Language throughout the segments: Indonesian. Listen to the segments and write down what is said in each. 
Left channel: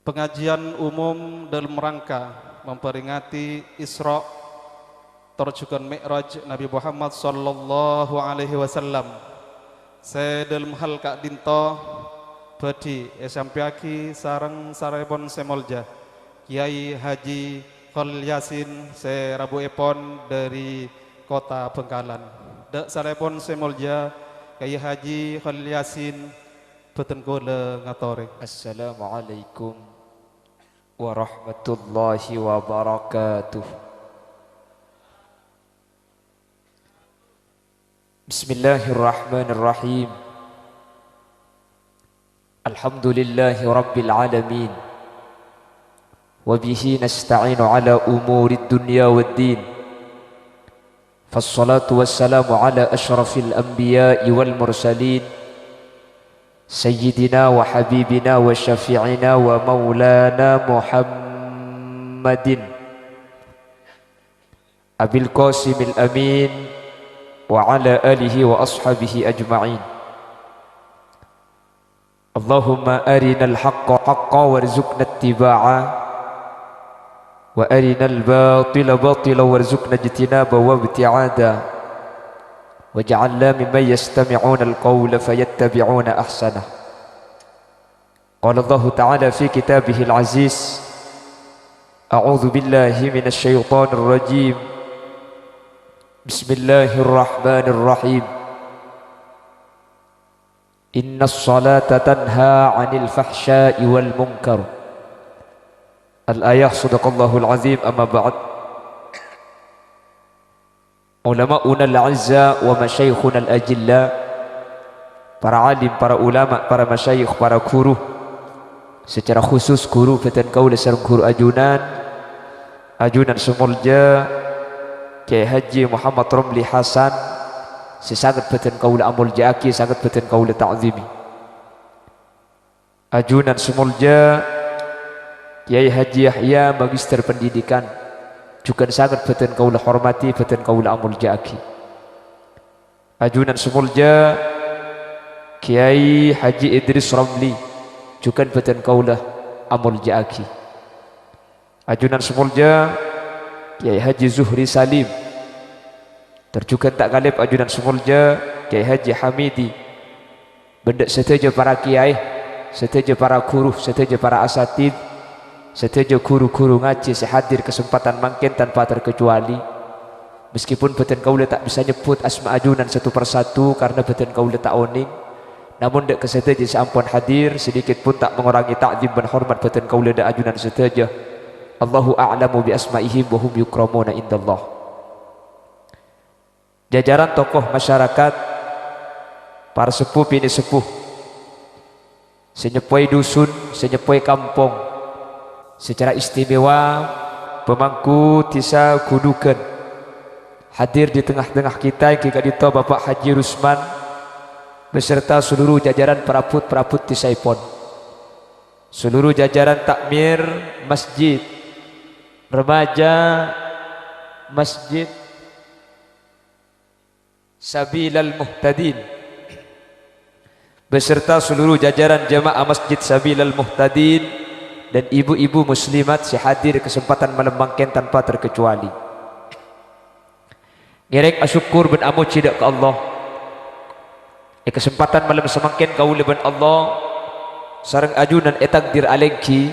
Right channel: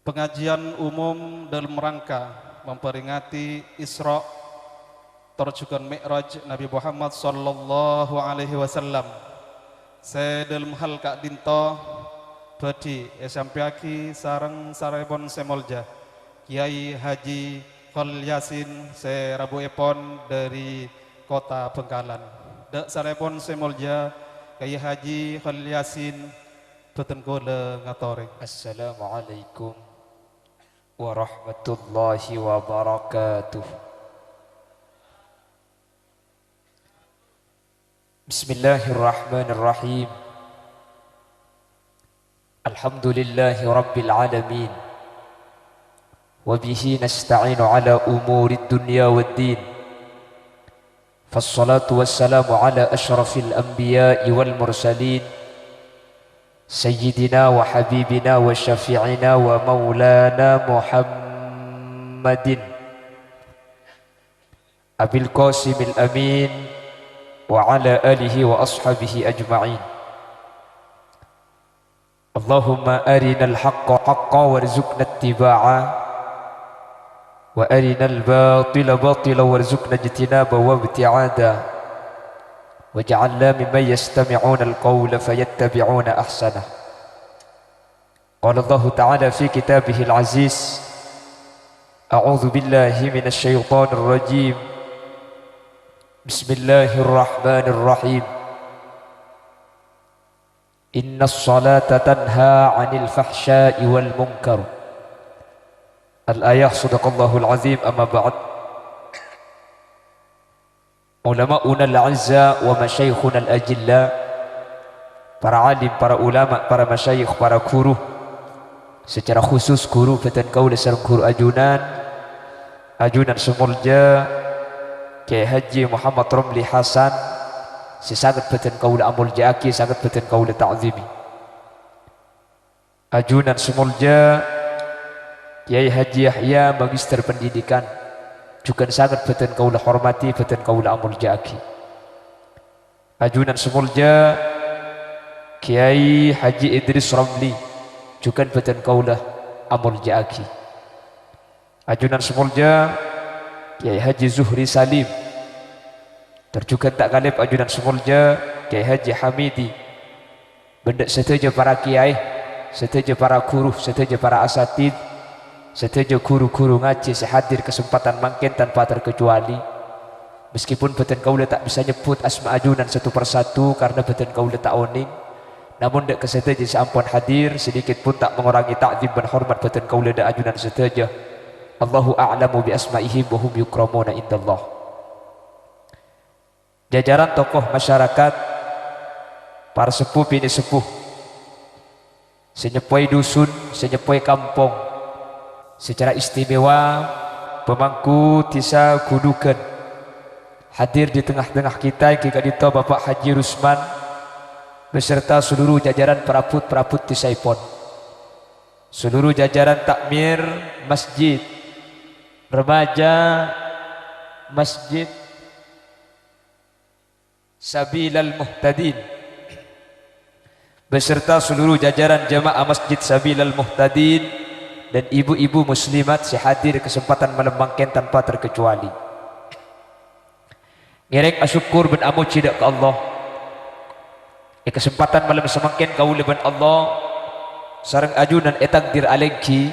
Pengajian umum dalam rangka memperingati Isra terjukan Mi'raj Nabi Muhammad sallallahu alaihi wasallam. Saya dalam hal kak dinto badi esampiaki sareng sarepon semolja Kiai Haji Khalil Yasin se Rabu Epon dari kota Bengkalan. Dek sarepon semolja Kiai Haji Khalil Yasin beten kula ngatore. Assalamualaikum warahmatullahi wabarakatuh. Bismillahirrahmanirrahim. Alhamdulillahi rabbil alamin. Wabihi nasta'inu ala umuri dunya waddin. Fassalatu wassalamu ala ashrafil anbiya'i wal mursalin. Sayyidina wa habibina wa syafi'ina wa maulana Muhammadin Abil Qasimil Amin wa ala alihi wa ashabihi ajma'in. Allahumma arinal haqqa haqqa warzuqna ittiba'a wa arinal batila batila warzuqna ijtinaba wa ibti'ada. وَاجْعَلْنَا مِمَّنْ يَسْتَمِعُونَ الْقَوْلَ فَيَتَّبِعُونَ أَحْسَنَهُ. قال الله تعالى في كتابه العزيز: أعوذ بالله من الشيطان الرجيم. بسم الله الرحمن الرحيم. إن الصلاة تنهى عن الفحشاء والمنكر. الآية. صدق الله العظيم. أما بعد. Ulama'una al-azza wa masyayikhuna al-ajilla, para alim, para ulama, para masyayikh, para guru, secara khusus guru beten kaula sareng guru ajunan sumulja Kiai Haji Muhammad Romli Hasan, sesangat beten kaula amulja aki, sangat beten kaula ta'zimi. Ajunan sumulja Kiai Haji Yahya, magister pendidikan, juga sangat beten kaula hormati, beten kaula amulja aki. Ajunan semulja Kiai Haji Idris Ramli, juga beten kaula amulja aki. Ajunan semulja Kiai Haji Zuhri Salim, terjukan tak kalip ajunan semulja Kiai Haji Hamidi. Benda setuju para kiai, setuju para guru, setuju para asatid, setuju guru-guru ngaji sehadir kesempatan mangkin tanpa terkecuali. Meskipun beten kaula tak bisa nyebut asma ajunan satu persatu karena beten kaula tak oning, namun dek kesetuju seampun hadir sedikit pun tak mengurangi ta'zim dan hormat beten kaula dek ajunan setuju. Allahu a'lamu bi asma'ihim wa hum yukramuna indallah. Jajaran tokoh masyarakat, para sepuh bini sepuh, senyepoi dusun, senyepoi kampung, secara istimewa pemangku tisa kudukan hadir di tengah-tengah kita Ki Kadito Bapak Haji Rusman beserta seluruh jajaran perabot tisaipon, seluruh jajaran takmir masjid, remaja masjid Sabilal Muhtadin beserta seluruh jajaran jamaah masjid Sabilal Muhtadin dan ibu-ibu muslimat sehadir kesempatan malam mangken tanpa terkecuali. Ngerek asyukur ben amo cidak ke Allah. Kesempatan malam semangken kaula ben Allah sareng ajunan takdir alengki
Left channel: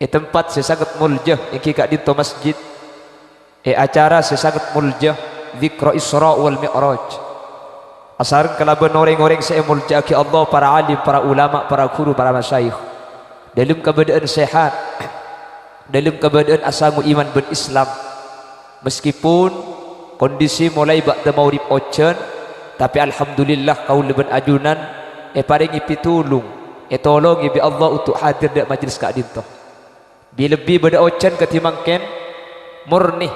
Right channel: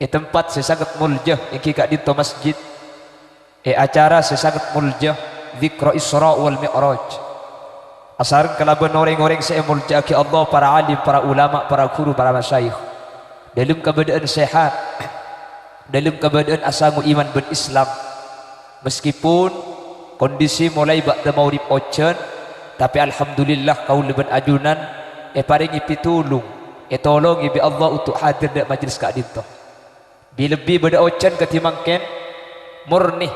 tempat sesangat muljah iki kak dinto masjid acara sesangat muljah zikra Isra wal Mi'raj. Asareng kalaban orang-orang saya muljah ki Allah, para alim, para ulama, para guru, para masyayikh dalam keadaan sehat, dalam keadaan asangu iman berislam. Meskipun kondisi mulai ba'da maurib ocean, tapi alhamdulillah kaula ben ajunan paringi pitulung tolong bi Allah untuk hadir di majlis kak dinto. Lebih pada ocean ketimangken murni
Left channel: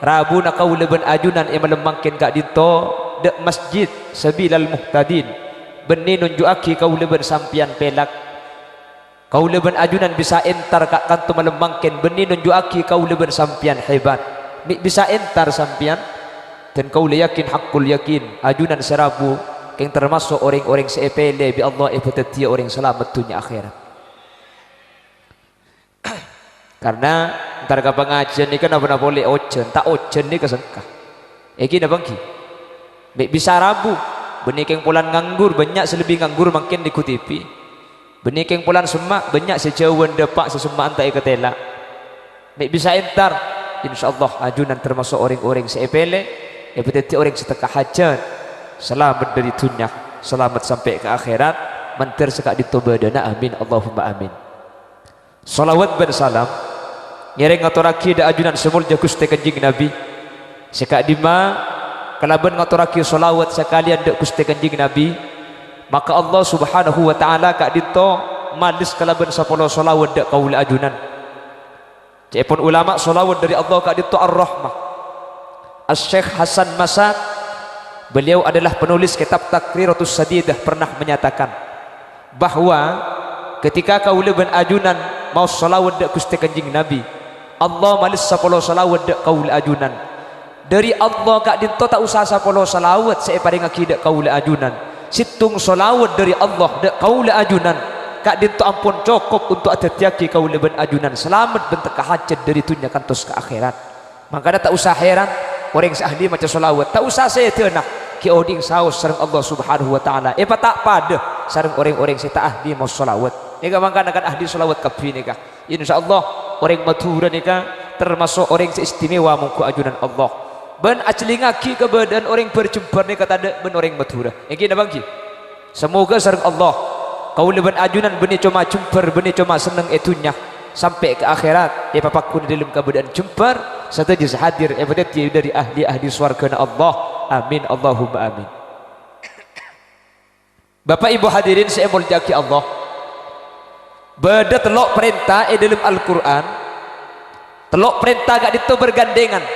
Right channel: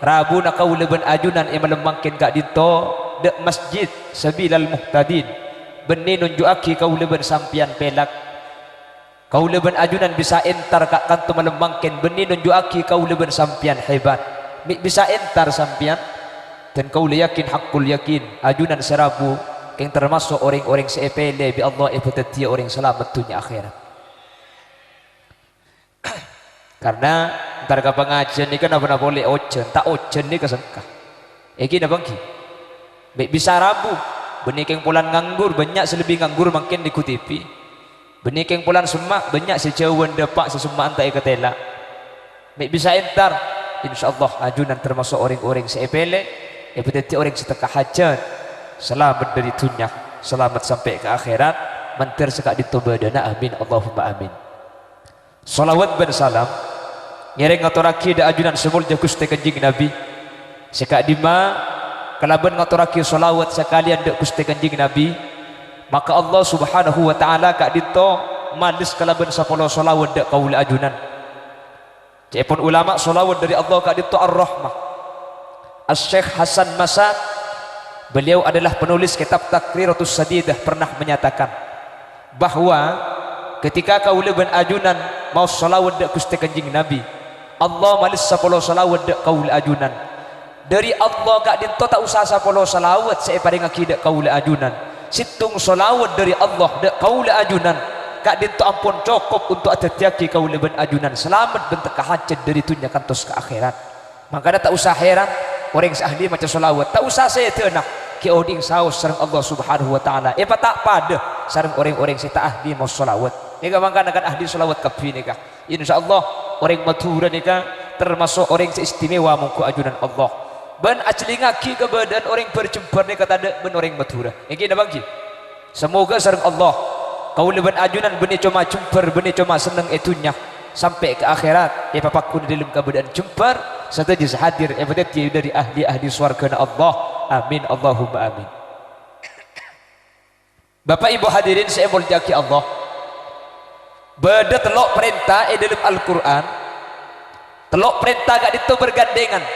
Rabu na kaula ben ajunan malemangken kak dinto de masjid Sabilal Muhtadin benih nunjuaki kaula ben sampian pelak. Kaula ben ajunan bisa entar kak kanto malemangken benih nunjuaki kaula ben sampian hebat. Bisa entar sampian dan kaula yakin hakul yakin ajunan serabu yang termasuk orang-orang seepele bi Allah ibadat dia orang selamat dunia akhirat. Karena ntar ke pengajian ini kan apa boleh ojen, tak ojen ini kesengkah. Eki dah bangki. Mek bisa rabu, benikeng pulan nganggur banyak selebih nganggur makin dikutipi. Benikeng pulan semak banyak sejauhan depak sesemak antai ketela. Mek bisa entar, insyaallah ajunan termasuk orang-orang seepele, ya berarti orang setekah hajat, selamat dari dunia, selamat sampai ke akhirat, mantir sekak ditobadana, amin Allahumma amin. Salawat dan salam ngereng ngaturaki da ajunan semulja Gusti Kanjeng Nabi sekak dima kalaban ngaturaki salawat sekalian da Gusti Kanjeng Nabi, maka Allah Subhanahu wa taala kak dito manis kalaban 10 salawat da kaul ajunan. Cepon ulama salawat dari Allah kak dito ar-rahmah. Asy-Syaikh Hasan Masak, beliau adalah penulis kitab Takriratus Sadidah, pernah menyatakan bahwa ketika kaula ben ajunan mau salawat dak Gusti Kanjeng Nabi, Allah malis 10 salawat dak kaula ajunan. Dari Allah kak dinto tak usah 10 salawat saya paring akidah kaula ajunan. Situng salawat dari Allah dak kaula ajunan. Kak dinto ampun cukup untuk atatiaki kaula ben ajunan. Selamat bentuk hajat dari dunia kantos ke akhirat. Maka tak usah heran orang ahli macam salawat. Tak usah saya tenah ki oding saus sareng Allah Subhanahu wa taala. Tak pada sareng orang-orang saya tak ahli mau salawat. Nika mangkana kan ahli salawat kabeh nika. Insyaallah orang Madura nika termasuk orang seistimewa mungku ajunan Allah. Ben aclingaki ke badan orang berjumpa nika tada ben orang Madura. Iki na bangki. Semoga sareng Allah kaula ben ajunan beni cuma jumper beni cuma seneng etunya sampai ke akhirat ya papaku di dalam keadaan jumper serta hadir berarti dari ahli-ahli swarga Allah. Amin Allahumma amin. Bapak Ibu hadirin saya mulyaki Allah. Beda telok perintah dalam Al-Quran, telok perintah gak itu bergandengan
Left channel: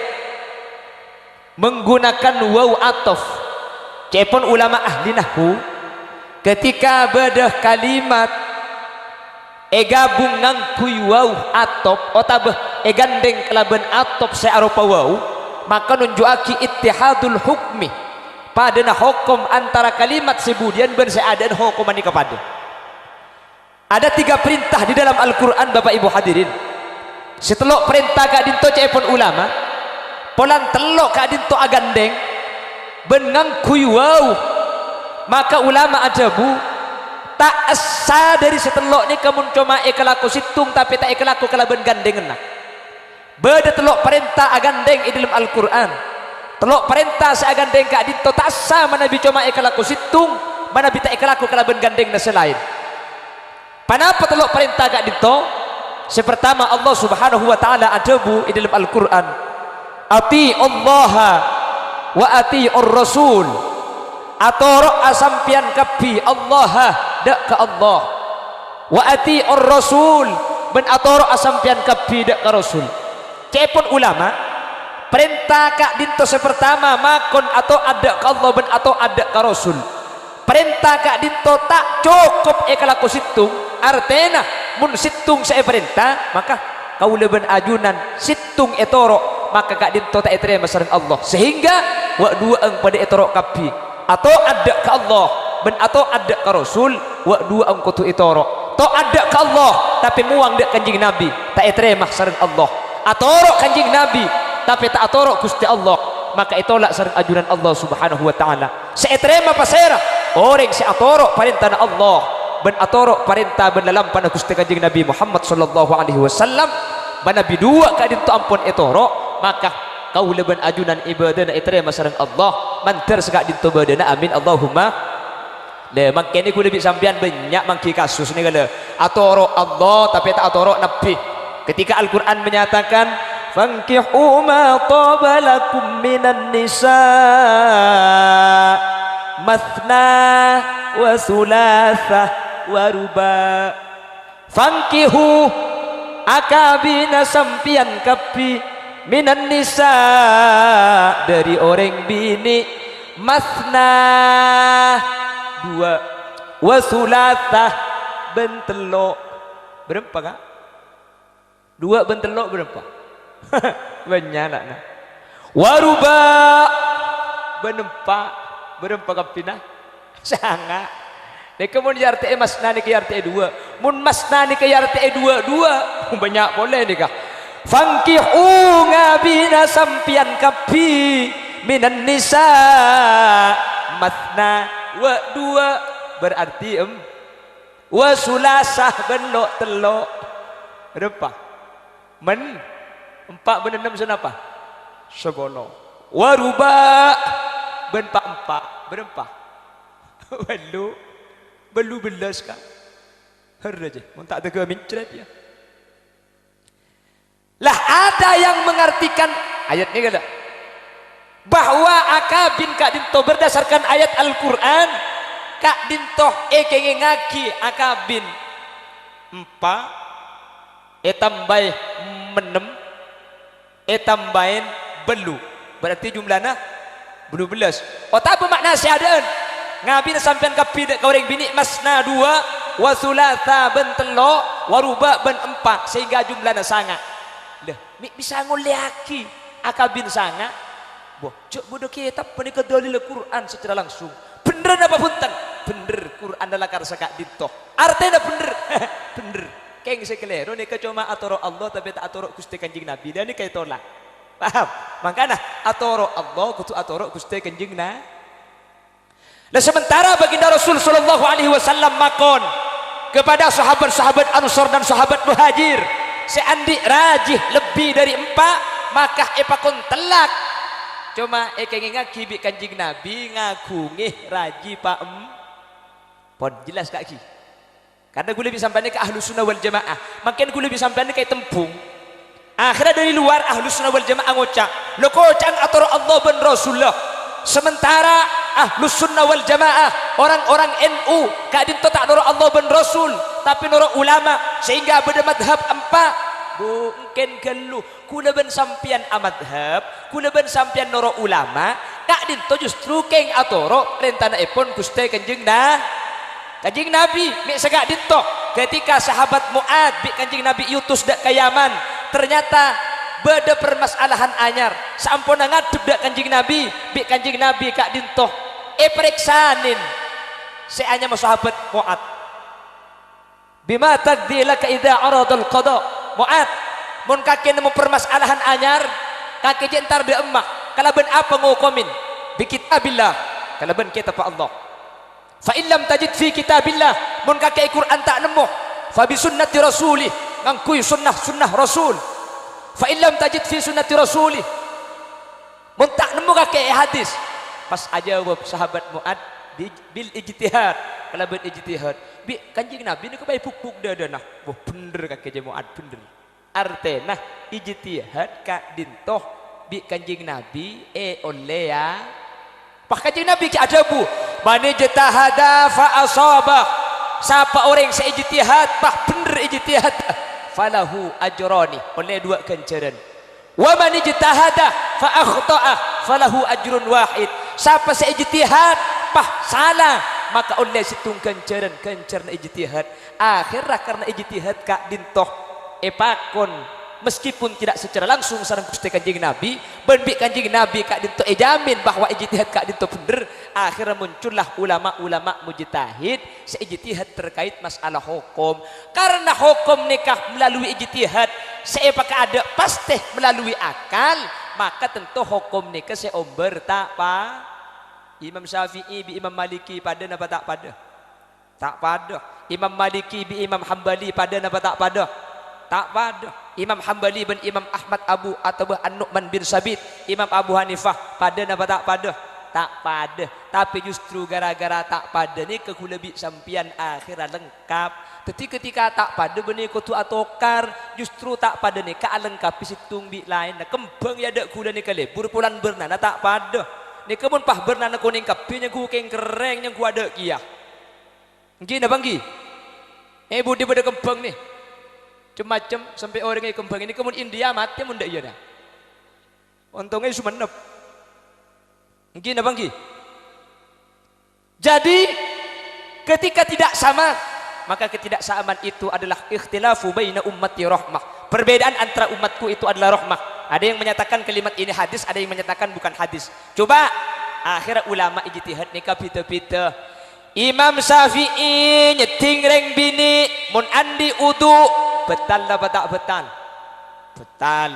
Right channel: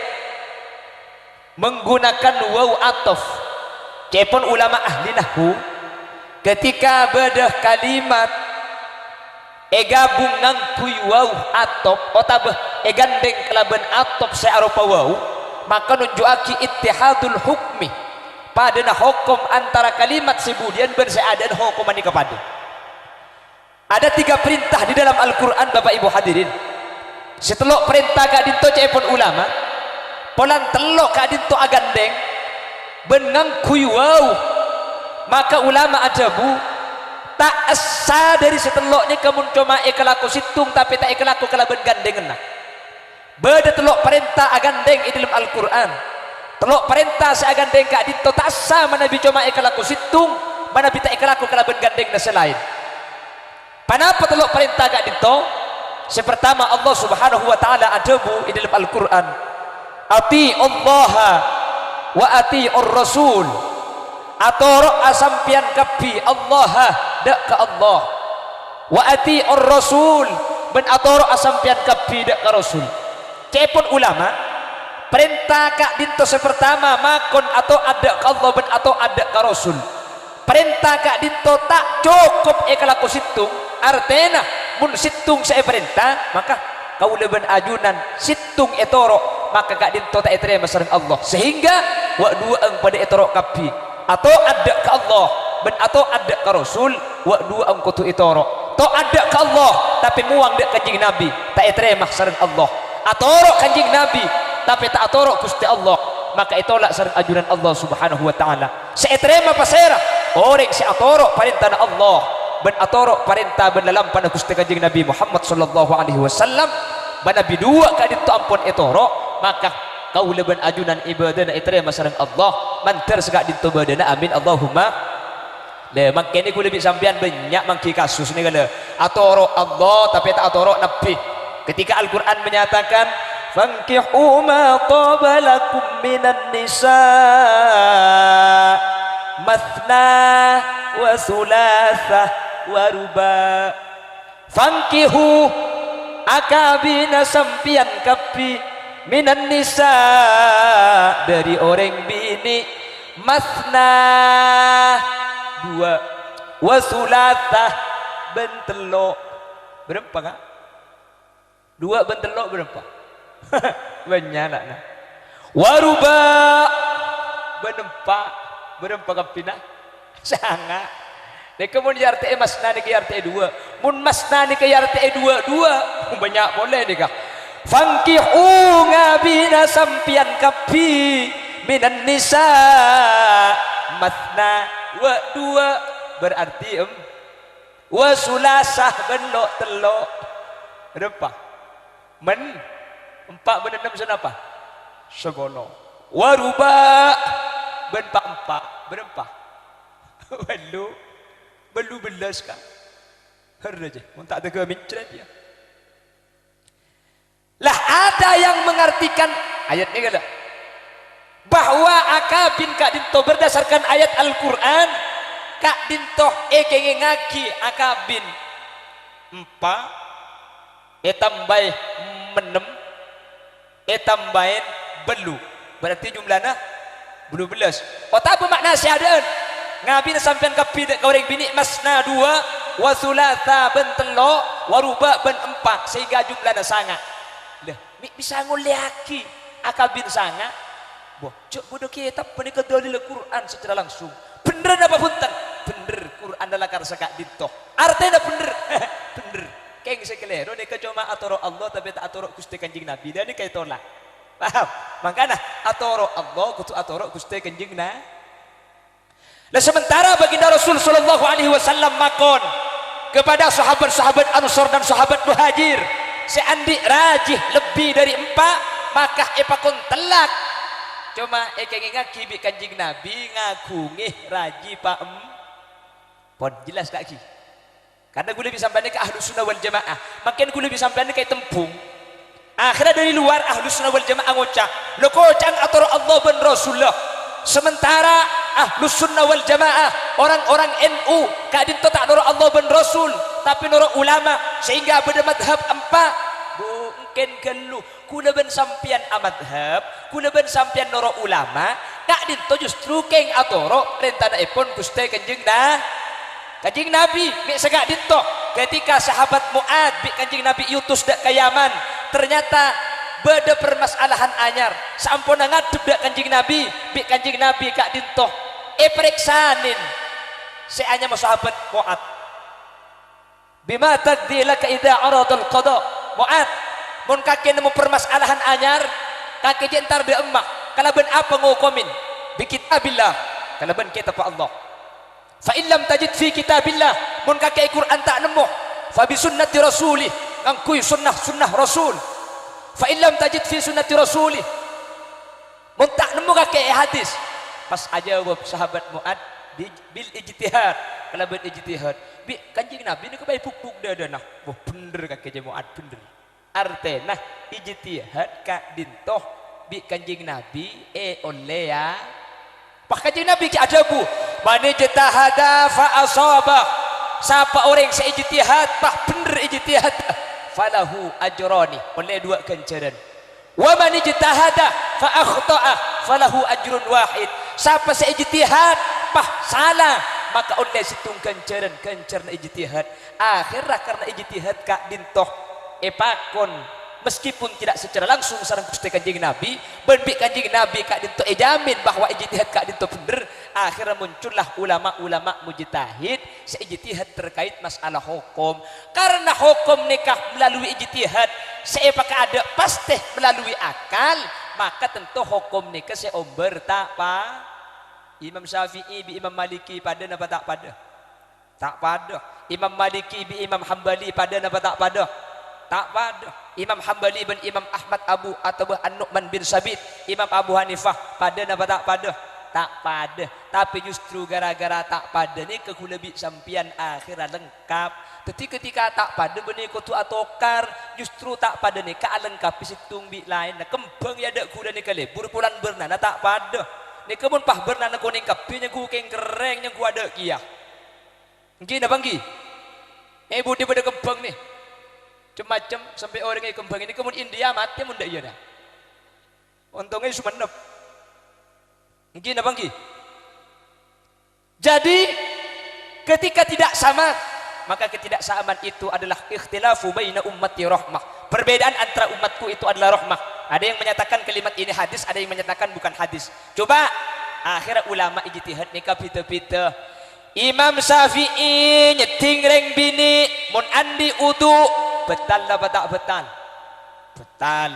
menggunakan waw atof. Cepon ulama ahli nahwu ketika beda kalimat gabung ngangkui waw atof otabah gandeng kelaban atof searupa waw, maka nunjuaki ittihadul hukmi padana hukum antara kalimat sebudian berseadan hukuman ini kepada. Ada 3 perintah di dalam Al-Quran Bapak Ibu hadirin. Setelok perintah kak dinto cepon ulama, polan telok kak dinto agandeng benangkui wow, maka ulama ajabu tak saya dari seteloknya kamu cuma ekalaku situng tapi tak ekalaku kalaban gandeng enak. Beda telok perintah agandeng di dalam Al-Quran, telok perintah saya agandeng kak dinto tak sama nabi cuma ekalaku situng mana bita ekalaku kalaban gandeng na selain. Kenapa telok perintah gak dito? Sepertama Allah Subhanahu wa taala ajabu di dalam Al-Qur'an. Ati Allah wa ati ar-rasul. Atoro asampian kapi Allah dak ke Allah. Wa ati ar-rasul ben atoro asampian kapi dak ke Rasul. Cepon ulama perintah kak dito sepertama makon atau ada ke Allah ben atau ada ke Rasul. Perintah kak dito tak cukup ekalaku situng. Artena mun situng saya perintah maka kau leben ajunan situng etoro maka kak dinto tak etere sareng Allah sehingga wa dua ang pada etoro kapi atau ada ke Allah ben atau ada ke Rasul wa dua ang kutu etoro to ada ke Allah tapi muang dek kanjing Nabi tak etere sareng Allah atoro kanjing Nabi tapi tak atoro Gusti Allah maka itolak sareng ajunan Allah Subhanahu wa taala seetere pasera orang si atoro perintah Allah ben atoro perintah ben dalam pada Gusti Kanjeng Nabi Muhammad sallallahu alaihi wasallam mana bidua ka dinto ampun etoro maka kau leben ajunan ibadah na itere masareng Allah manter sekak dinto badana amin Allahumma le mangkene ku lebih sampean banyak mangki kasus ni kala atoro Allah tapi tak atoro nabi ketika Al-Qur'an menyatakan fankihu ma tabalakum minan nisa mathna wa thulatha waruba fankihu akabina sampian kapi minan nisa dari orang bini masna 2 wasulatah bentelok berapa kak 2 bentelok berapa banyak nak waruba berapa kapina sangat. Nek kemudian arti emas nani ke arti 2 mun masna ni kaya RTE dua banyak boleh ni kah fangkihu ngabina sampian kapi minan nisa matna wa dua berarti wa sulasah benlok telok berapa men 4 ben 6 sen apa sebolo wa ruba ben 4 berapa belu belas kah heraja mun tak tega mincret ya lah ada yang mengartikan ayat ni kata bahwa akabin kak dinto berdasarkan ayat Al-Quran kak dinto kenge ngaki akabin 4 tambah menem tambahin belu berarti jumlahnya belu belas tak apa makna siadaan ngabin sampean kapi dek orang bini masna 2 wa thulatha ben telo wa ruba ben 4 sehingga jumlahnya sangat leh bisa nguliaki akabin sangat boh cuk bodoh kitab menika dalil Quran secara langsung bener apa punten bener Quran adalah karsa kak dito artinya bener bener keng sekeliru nika cuma atoro Allah tapi tak atoro Gusti Kanjeng Nabi dan nika tolak paham makanya atoro Allah kudu atoro Gusti Kanjeng Nabi. Nah sementara baginda Rasul sallallahu alaihi wasallam makon kepada sahabat-sahabat Ansor dan sahabat Muhajir, seandi rajih lebih dari 4 maka epakon telak. Cuma kengingat kibi Kanjeng Nabi ngagungih raji pak pon jelas kak ki. Karena gue lebih sampai ke Ahlus Sunnah wal Jamaah, makin gue lebih sampai ke tempung. Akhirnya dari luar Ahlus Sunnah wal Jamaah ngocak, lo kocan atau Allah ben Rasulullah. Sementara Ahlus Sunnah wal Jamaah orang-orang NU kak dinto tak noro Allah ben Rasul tapi noro ulama sehingga beda madhab 4 mungkin gelu kuna ben sampian amadhab kuna ben sampian noro ulama kak dinto justru keng atoro rentana epon Gusti Kanjeng Nabi mek segak dinto ketika sahabat Muad bi Kanjeng Nabi yutus dak ka Yaman ternyata beda permasalahan anyar sampuna ngadep dak Kanjeng Nabi bi Kanjeng Nabi kak dinto periksanin seanya sahabat Muad bima taddi laka idza aradal qada Muad mun kaki nemu permasalahan anyar kaki jentar di emak kalaban apa ngukumin bi kitabillah kalaban kitab Allah fa illam tajid fi kitabillah mun kaki Quran tak nemu fa bi sunnati rasulih ngangkui sunnah rasul fa illam tajid fi sunnati rasulih mun tak nemu kaki hadis pas aja sahabat Muad bil ijtihad kalau bil ijtihad bi Kanjeng Nabi ni kebai pupuk dadana wah bener kaki Muad bener artena ijtihad kak dintoh bi Kanjeng Nabi oleh ya pak Kanjeng Nabi ki ada bu man ijtahada fa asaba siapa orang seijtihad bah bener ijtihad falahu ajrani oleh 2 ganjaran wa man ijtahada fa akhta'a falahu ajrun wahid siapa seijtihad pah salah maka oleh situng ganjaran ijtihad akhirnya karena ijtihad kak dintoh epakon meskipun tidak secara langsung sareng Gusti Kanjeng Nabi benbik Kanjeng Nabi kak dinto jamin bahwa ijtihad kak dinto bener akhirnya muncullah ulama-ulama mujtahid seijtihad terkait masalah hukum karena hukum nikah melalui ijtihad seapakah ada pasti melalui akal maka tentu hukum nikah seomber tak pa Imam Syafi'i bi Imam Maliki pada napa tak pada tak pada Imam Maliki bi Imam Hambali pada napa tak pada tak pada Imam Hambali bin Imam Ahmad Abu atau An-Nu'man bin Sabit Imam Abu Hanifah pada napa tak pada tak pada tapi justru gara-gara tak pada ni kekulabi sampian akhirnya lengkap tapi ketika tak pada benih kutu atokar justru tak pada ni ka lengkap situng bi lain nah kembang ya dak kula ni kale burpulan bernana tak pada ni kemun pah bernana kuning kapinya ku keng kereng yang ku ada kia nggih na banggi budi pada kembang ni macam sampai orang yang kembang ini kemun India mati mun dak iya dah untungnya sumenep nggih na banggi jadi ketika tidak sama maka ketidaksamaan itu adalah ikhtilafu baina ummati rahmah perbedaan antara umatku itu adalah rahmah ada yang menyatakan kalimat ini hadis ada yang menyatakan bukan hadis coba akhirnya ulama ijtihad nikah pita-pita Imam Syafi'i nyeting reng bini mun andi udu betal apa tak betal? Betal.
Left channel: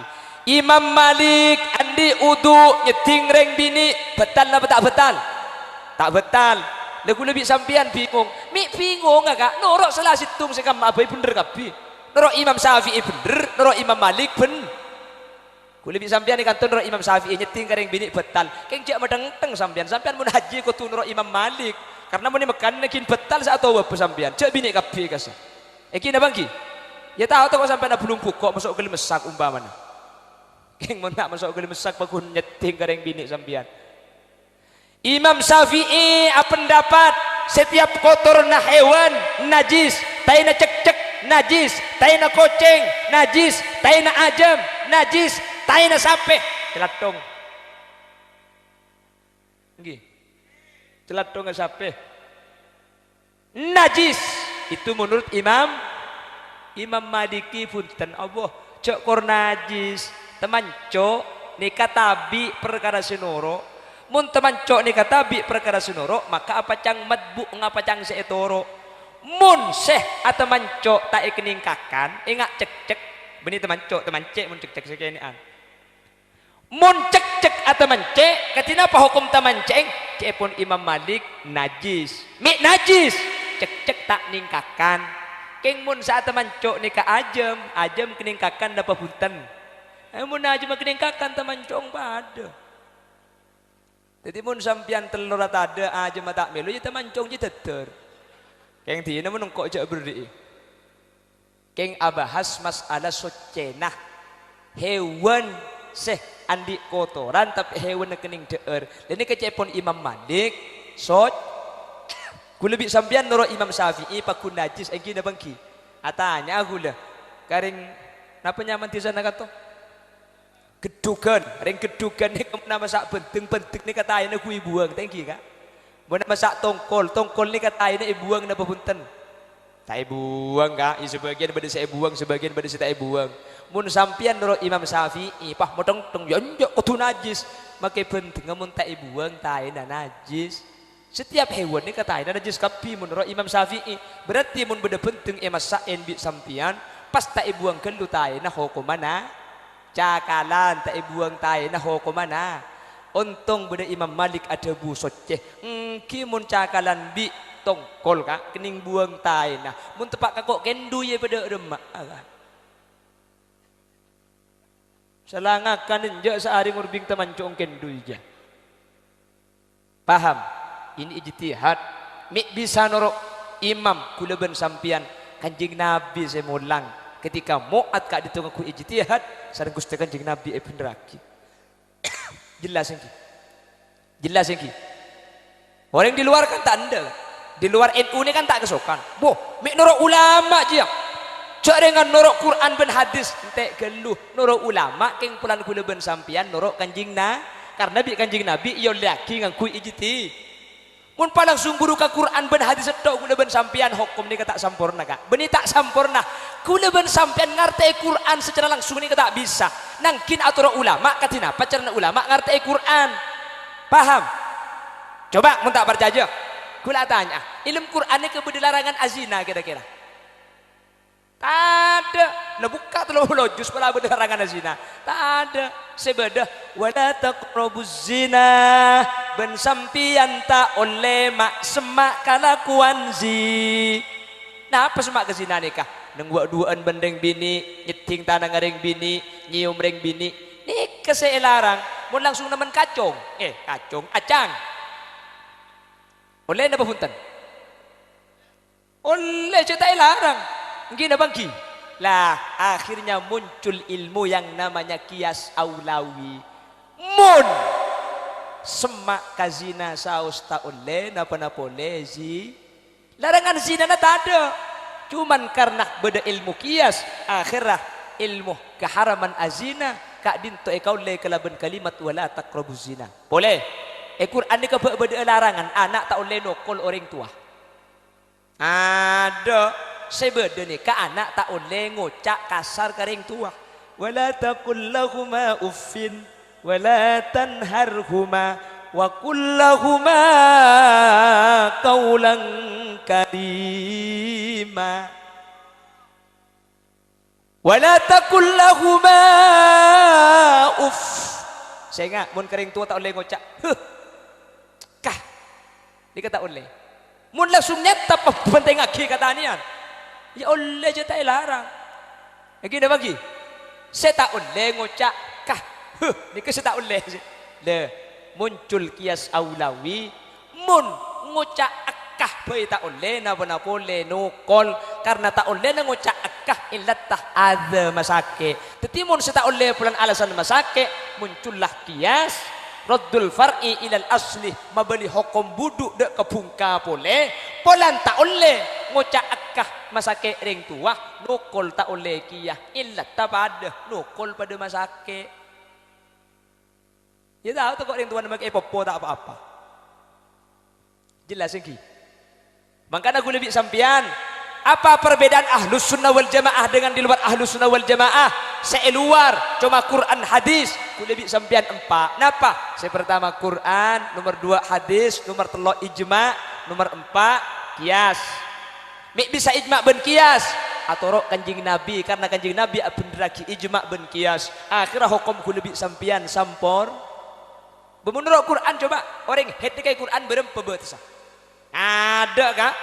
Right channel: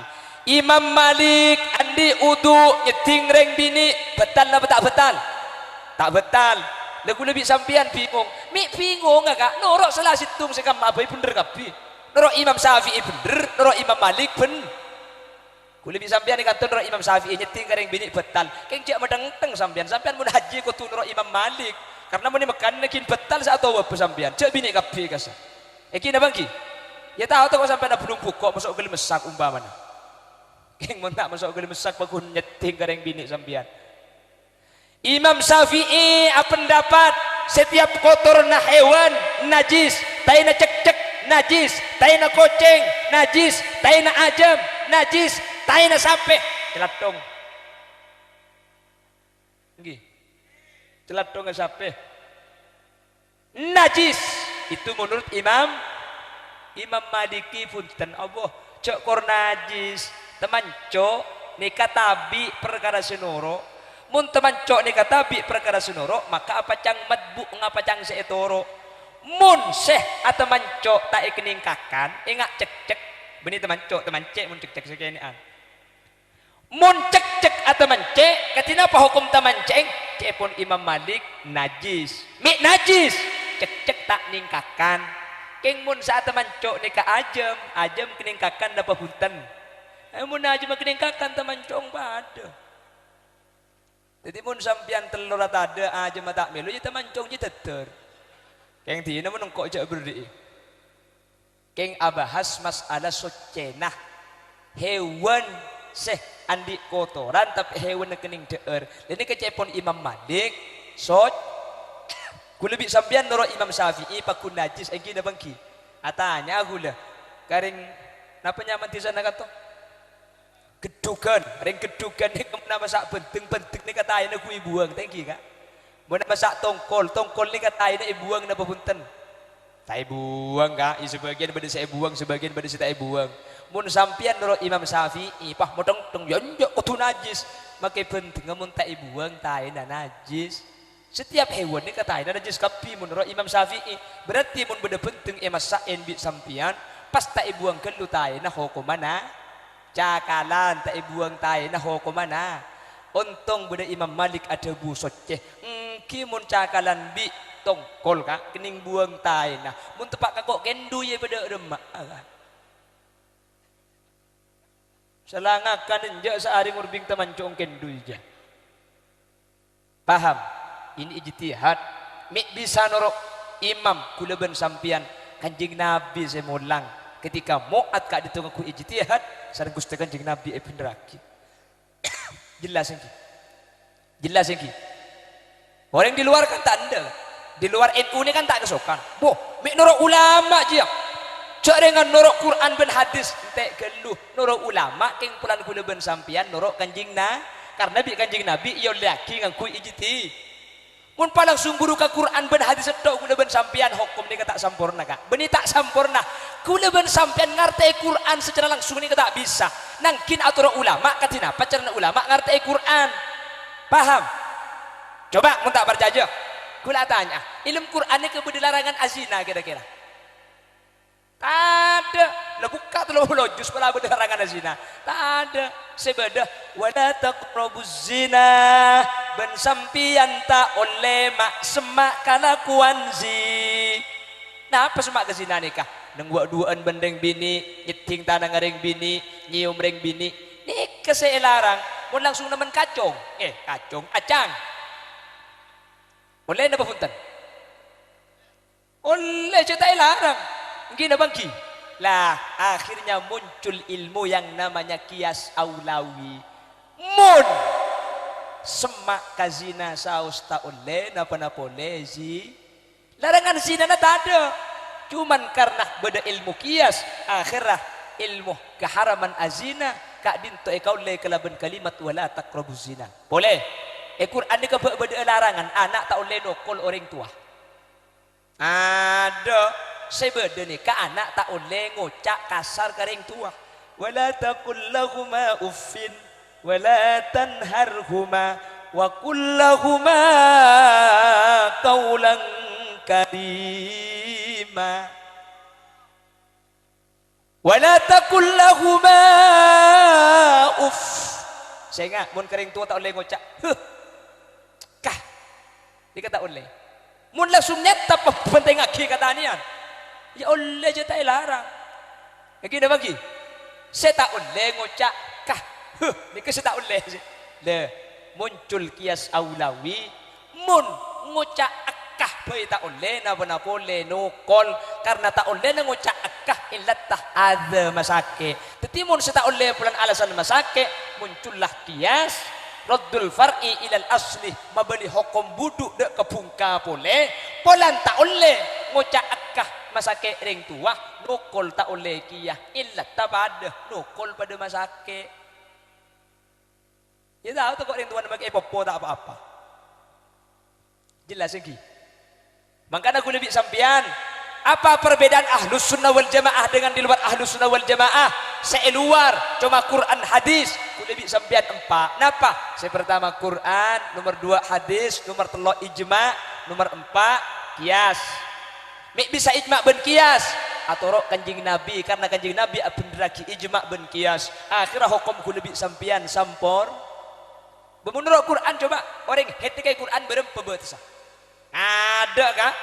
Imam Malik andi udu nyeting reng bini betal apa tak betal? Tak betal. Deku lebih sampian bingung. Mi bingung agak. Norok salah situng sekam abai bener kapi. Norok Imam Syafi'i bener, norok Imam Malik bener. Ku lebih sampian ikan tu norok Imam Syafi'i nyeting reng bini betal. Keng jak madeng-teng sampian mun haji ku tu norok Imam Malik. Karena mau makan nekin betal saat tahu apa sampean. Cek bini kapi kasih. Eki na bangki. Ya tahu tahu sampean na belum pukok masuk ke mesak umpamanya. Keng mau tak masuk ke mesak pakun nyeting gareng bini sampean. Imam Syafi'i apa pendapat setiap kotor na hewan najis, tai na cek-cek najis, tai na kucing najis, tai na ajam najis, tai na sape celatong. Nggih. Celatong sape najis itu menurut Imam Maliki punten Allah cek kor najis teman cok nikah tabi perkara sinoro mun teman cok nikah tabi perkara sinoro maka apa cang madbu ngapa cang seetoro mun seh atau mancok tak ikeningkakan ingat cek-cek beni teman cok teman cek mun cek-cek sekenian mun cek-cek atau mancek katina apa hukum teman ceng cepon Imam Malik najis mi najis cek-cek tak ningkakan keng mun saat teman cok nikah ajam keningkakan dapat punten mun ajam keningkakan teman cok pada jadi mun sampian telur ada ajam tak melu ya teman cok je teter keng dina mun kok jak beri keng abahas masalah socenah hewan seh andi kotoran tapi hewan kening deer dan ini kecepon Imam Malik sot ku lebih sampian nurut Imam Syafi'i pakun najis engki na bangki atanya aku lah karing napa nyaman di sana kato gedugan ring gedugan ni nama sak penting ni katain aku ibuang tengki kak mun masak tongkol ni katain ibuang na papunten tak ibuang kak sebagian pada saya buang sebagian pada saya tak buang mun sampian nurut Imam Syafi'i pah modong tong yonjok kudu najis make penting mun tak buang tai na najis setiap hewan ni kata na najis kapi menurut Imam Syafi'i berarti mun beda penting masain bi sampian pas tak buang kendu tai na hukumana cakalan tak buang tai na hukumana untung beda Imam Malik ada bu soceh ki mun cakalan bi tongkol kak kening buang tai na mun tepak kakok kendu ye beda remak selangakan enjak sehari ngurbing teman congken duija paham ini ijtihad mik bisa norok imam kulaban sampian kanjing nabi saya mulang ketika muat kak ditunggu ku ijtihad sareng Gusti kanjing nabi ibn raki jelas ini orang di luar kan tak ada di luar NU ini kan tak kesokan boh mik norok ulama aja jaringan norok Quran ben hadis entek geluh norok ulama keng pulan kula ben sampian norok kanjing na karena bi kanjing nabi yo lagi ngangku ijti mun palang sumburu ka Quran ben hadis tok kula ben sampian hukum ni tak sampurna kak beni tak sampurna kula ben sampian ngarti Quran secara langsung ni tak bisa nangkin atur ulama katina pacarna ulama ngarti Quran paham coba mun tak percaya kula tanya ilmu Quran ni kemudian larangan azina kira-kira tak ada lah buka terlalu lojus kalau ada larangan zina tak ada sebeda wala taqrabuz zina ben sampian tak oleh mak semak kalakuan zi nah apa semak ke zina nikah neng duaan bendeng bini nyeting tanah ngareng bini nyium reng bini nikah saya larang mau langsung nemen kacung acang oleh napa punten oleh cerita larang mungkin apa bangki lah akhirnya muncul ilmu yang namanya kias aulawi mun semak kazina saus tak oleh napa boleh zi larangan zina tak ada cuman karena beda ilmu kias akhirah ilmu keharaman azina kak dinto ekau le kelaban kalimat wala taqrabuz zina boleh Quran ni beda larangan anak tak oleh nokol orang tua ada sebeda ni ka anak tak oleh ngocak kasar karing tua wala taqul lahuma uffin wala tanharhuma wa qul lahuma kaulang kadima wala taqul lahuma uff. Saya ingat mun kering tua tak boleh ngocak kah dia kata oleh mun lah sunnet apa penting aki kata nian ya oleh je tak larang lagi dah bagi saya tak boleh ngocak kah ni ke saya tak boleh le muncul kias aulawi mun ngocak akah boleh tak boleh napa boleh nukol karena tak boleh na ngocak akah illat tah ada masake tetapi mun saya tak boleh pulang alasan masake muncullah kias raddul far'i ilal asli mabani hukum buduk dek kepungka boleh polan tak boleh ngocak akah masake ring tua nukol tak boleh kiyah illat tabada nukol pada masake ya tahu tu kok ring tua nak popo tak apa-apa jelas lagi makanya aku lebih sampian apa perbedaan ahlus sunnah wal jamaah dengan di luar ahlus sunnah wal jamaah seluar cuma Quran hadis aku lebih sampian empat kenapa saya pertama Quran nomor 2 hadis nomor 3 ijma nomor 4 kias mek bisa ijma ben kias atau rok kanjing nabi karena kanjing nabi benderaki ijma ben kias akhirnya hukum ku lebih sampian sampor bemunur Quran coba orang hetik Quran berempa betesa ada kah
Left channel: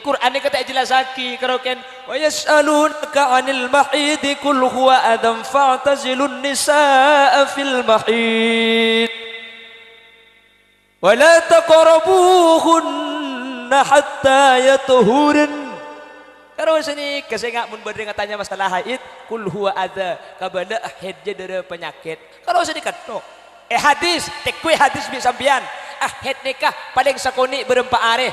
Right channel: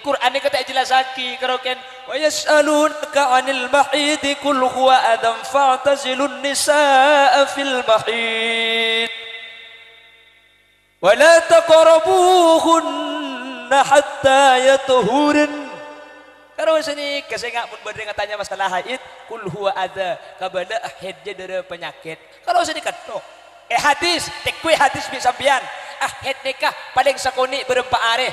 Quran ni kata jelas lagi keroken wa yas'alunaka 'anil mahid qul huwa adam fa'tazilun nisaa fil mahid wa la taqrabuhunna hatta yatuhurin karo sini kesengak mun bade tanya masalah haid qul huwa ada kabada haid je dere penyakit karo sini kato hadis tekwe hadis bi sambian haid nikah paling sakoni berempat areh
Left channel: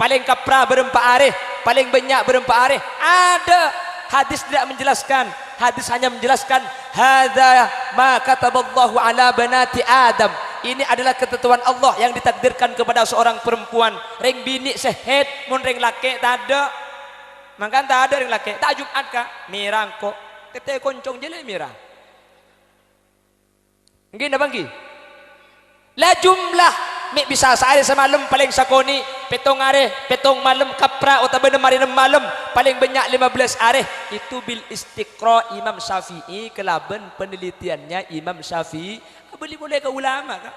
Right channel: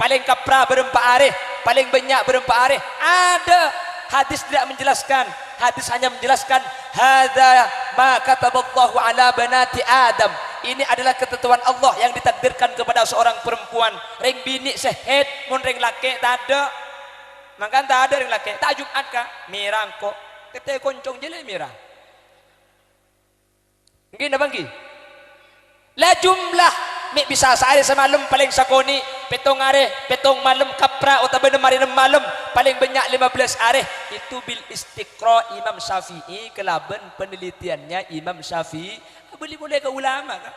paling kapra berempat areh, paling banyak berempat areh. Ada hadis tidak menjelaskan. Hadis hanya menjelaskan hadza ma kataballahu ala banati Adam. Ini adalah ketentuan Allah yang ditakdirkan kepada seorang perempuan. Ring bini sehet, mun ring laki tak ada. Maka tak ada ring laki. Tak Jumat kah? Mirang kok. Kete koncong je le mirang. Mungkin dah bangki. La jumlah mek bisa sehari semalam paling sakoni petong areh petong malam kapra atau benar malam paling banyak 15 areh itu bil istiqra Imam Syafi'i kelaban penelitiannya Imam Syafi'i boleh ke ulama kah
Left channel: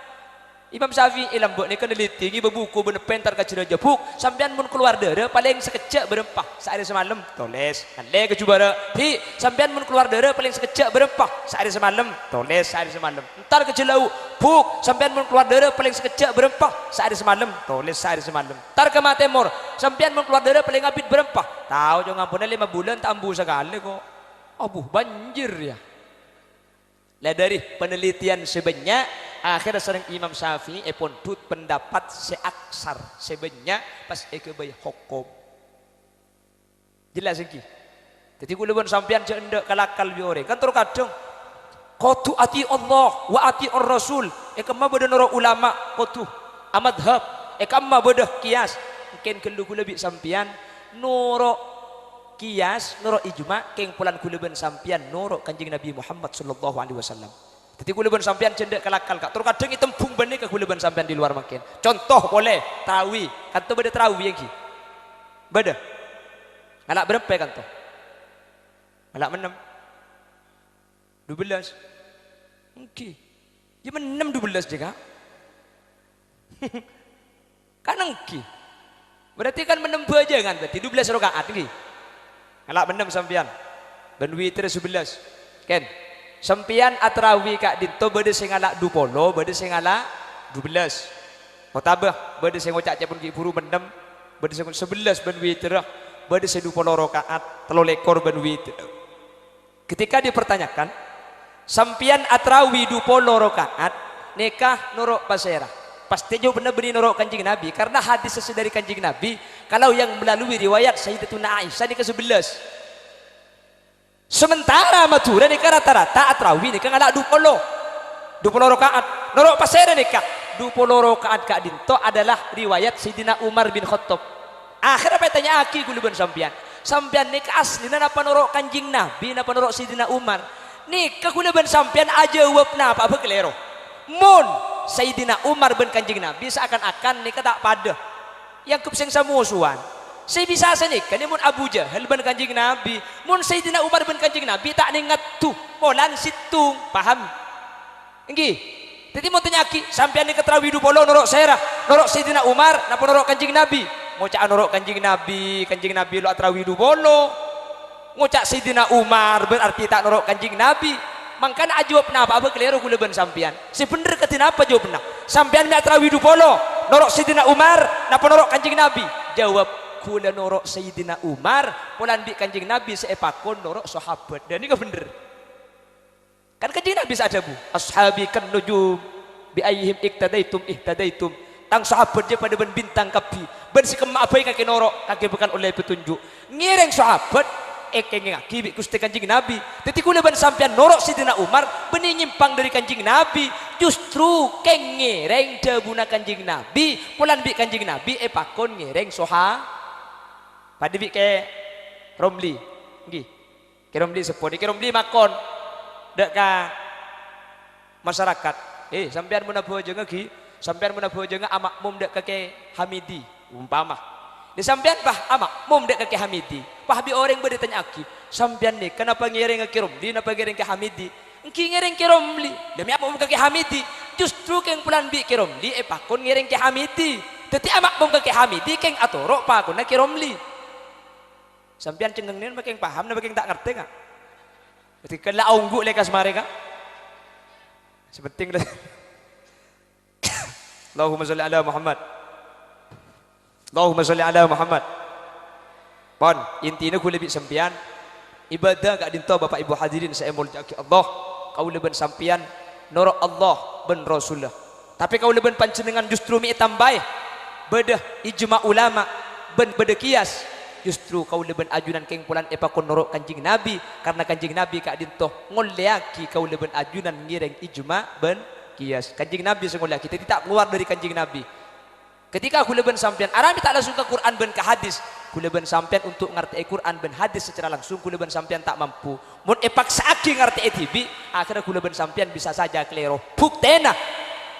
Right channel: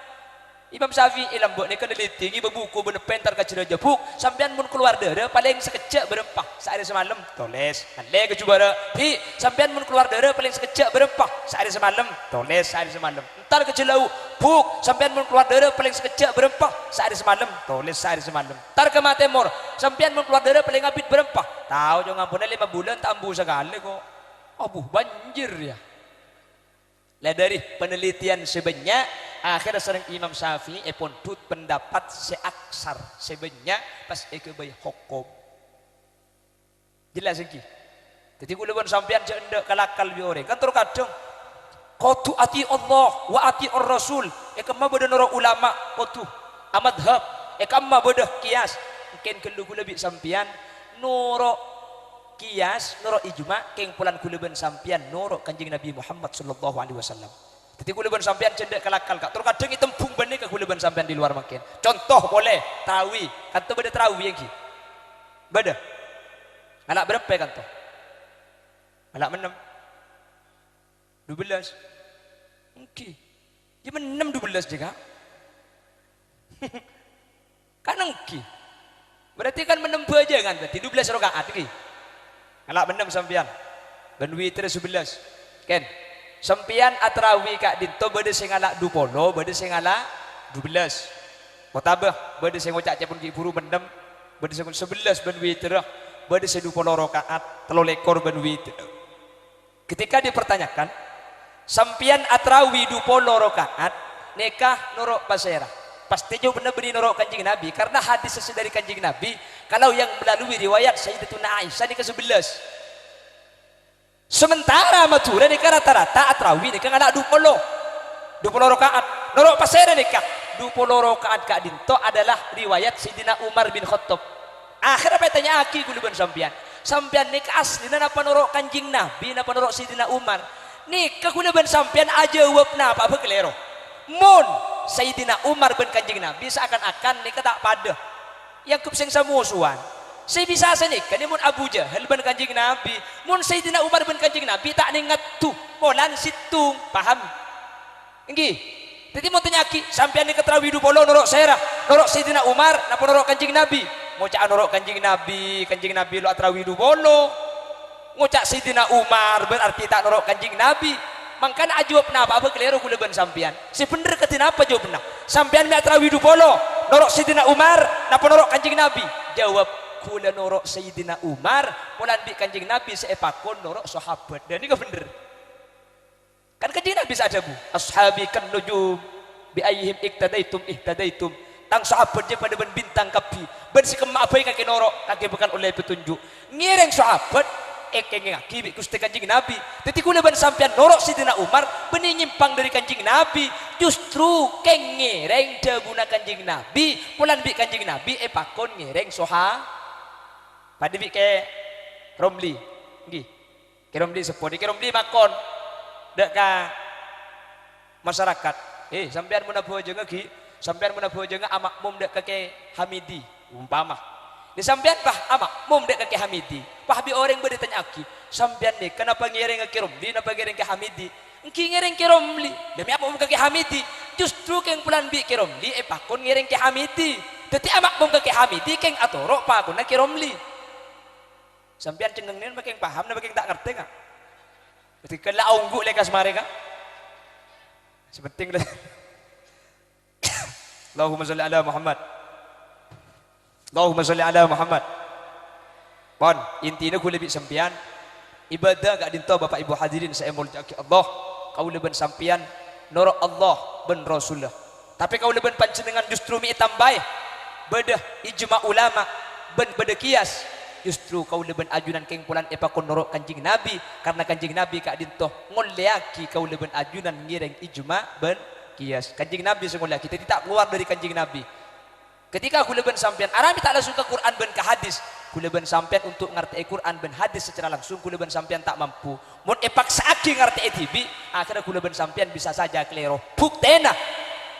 Imam Syafi'i lambuk ni peneliti ni berbuku benepen terkacir jebuk sampean mun keluar dere paling sekecek berempah sehari semalam tulis ale ke cuba pi sampean mun keluar dere paling sekecek berempah sehari semalam tulis sehari semalam entar ke jelau buk sampean mun keluar dere paling sekecek berempah sehari semalam tulis sehari semalam entar ke Matemor sampean mun keluar dere paling ngapit berempah tahu jo ngampune 5 bulan tak ambu sekali kok abuh banjir ya lah dari penelitian sebanyak akhirnya sering Imam Syafi'i pun tut pendapat seaksar sebanyak pas kebai hukum jelas lagi jadi kula sampean cendek kalakal biore kan terkadang qatu ati Allah wa ati ar-rasul kemma bodoh noro ulama qatu amadhab kemma bodoh kias mungkin kelu kula bi sampean noro kias nuro ijma keng pulan kuleban sampian nuro kanjeng Nabi Muhammad sallallahu alaihi wasallam. Jadi kuleban sampian cendek kalakal kak. Terus kadang itempung benih ke kuleban sampian di luar makin. Contoh boleh tarawih. Kanto beda tarawih yang ki. Beda. Anak berapa kanto? Anak 6. 12. Oke. Dia 6 12 juga. Kan engki. Berarti kan menempuh aja kan berarti 12 rakaat ini. Alak benem sampian. Ben witir 11. Ken. Sampian atrawi kak dinto bade sing alak 20, bade sing alak 12. Mutabah bade sing ngocak cepun ki buru benem, bade sing 11 ben witir, bade sing 20 rakaat, 3 ekor ben witir. Ketika dipertanyakan, sampian atrawi 20 rakaat, nikah nuruk pasera. Pasti jauh benar-benar nurut kanjeng Nabi karena hadis sesuai dari kanjeng Nabi kalau yang melalui riwayat Sayyidatuna Aisyah ni ke-11 sementara matura nikah rata-rata atrawih nikah ngadak 20 rakaat nurut pasera nikah 20 rakaat kak dinto adalah riwayat Sayyidina Umar bin Khattab akhirnya bertanya aki guluban sampian nikah asli napa nurut kanjeng Nabi napa nurut Sayyidina Umar nikah guluban sampian aja wapna apa kelero Mun Sayyidina Umar bin kanjeng Nabi seakan-akan nikah tak pada yang kupseng samusuan. Saya bisa selikan dia mun Abu Jahal ben Kanjeng Nabi, mun Sayyidina Umar ben Kanjeng Nabi tak ningat tu, molan situ, paham? Nggih. Jadi mau tanyaki sampean ni keterawi du polo norok saya norok Sayyidina Umar napa norok Kanjeng Nabi? Ngocak norok Kanjeng Nabi lu aterawi du polo. Ngocak Sayyidina Umar berarti tak norok Kanjeng Nabi. Mangkana ajawab napa apa keliru kula ben sampean. Si bener ketin apa jawabna? Sampean mi aterawi du polo norok Sayyidina Umar napa norok Kanjeng Nabi? Jawab kula norok Sayyidina Umar, polan bi Kanjeng Nabi seepakon norok sahabat. Dan ini ke bener. Kan Kanjeng Nabi saja bu, ashabi kan nujum bi ayyihim ihtadaitum. Tang sahabat je pada ben bintang kapi. Ben si kema apa kaki norok, kaki bukan oleh petunjuk. Ngireng sahabat ngaki bi Gusti Kanjeng Nabi. Dadi kula ben sampean norok Sayyidina Umar ben nyimpang dari Kanjeng Nabi. Justru keng ngireng debuna Kanjeng Nabi, polan bi Kanjeng Nabi epakon ngireng sahabat. Pada bi ke Romli. Nggih. Ke Romli sepodi, ke Romli makon dek ka masyarakat sampean mun abu jenga gi sampean mun abu jenga amakmum dek ke Hamidi umpama ni sampean bah amakmum dek ke Hamidi pah bi orang bade tanya aki sampean ni kenapa ngiring ke Romli kenapa ngiring ke Hamidi engki ngiring ke Romli demi amakmum ke Hamidi justru keng pulan bi ke Romli pakon ngiring ke Hamidi dadi amakmum ke Hamidi keng atorok pakon ke Romli sampean cengeng ni bakeng paham na bakeng tak ngerti ka ketika lah ungguk lekas mereka sepenting dah. Allahumma sholli ala Muhammad. Allahumma sholli ala Muhammad. Pon intinya kula bi sampean ibadah gak dinto Bapak Ibu hadirin saya mulyaki Allah kau leben sampean norok Allah ben Rasulullah. Tapi kau leben panjenengan justru mi tambah bedah ijma ulama ben beda kias. Justru kau leben ajunan keng pulan epakon norok Kanjeng Nabi karena Kanjeng Nabi kak dintoh ngoleaki kau leben ajunan ngireng ijma ben kias. Kanjeng Nabi sengoleaki kita tidak keluar dari Kanjeng Nabi. Ketika aku leben sampean Arabi tak langsung ke Quran ben ke hadis. Ku leben sampean untuk ngerti Quran ben hadis secara langsung ku leben sampean tak mampu. Mun epaksa aki ngerti tibi akhirnya ku leben sampean bisa saja klero. Buktena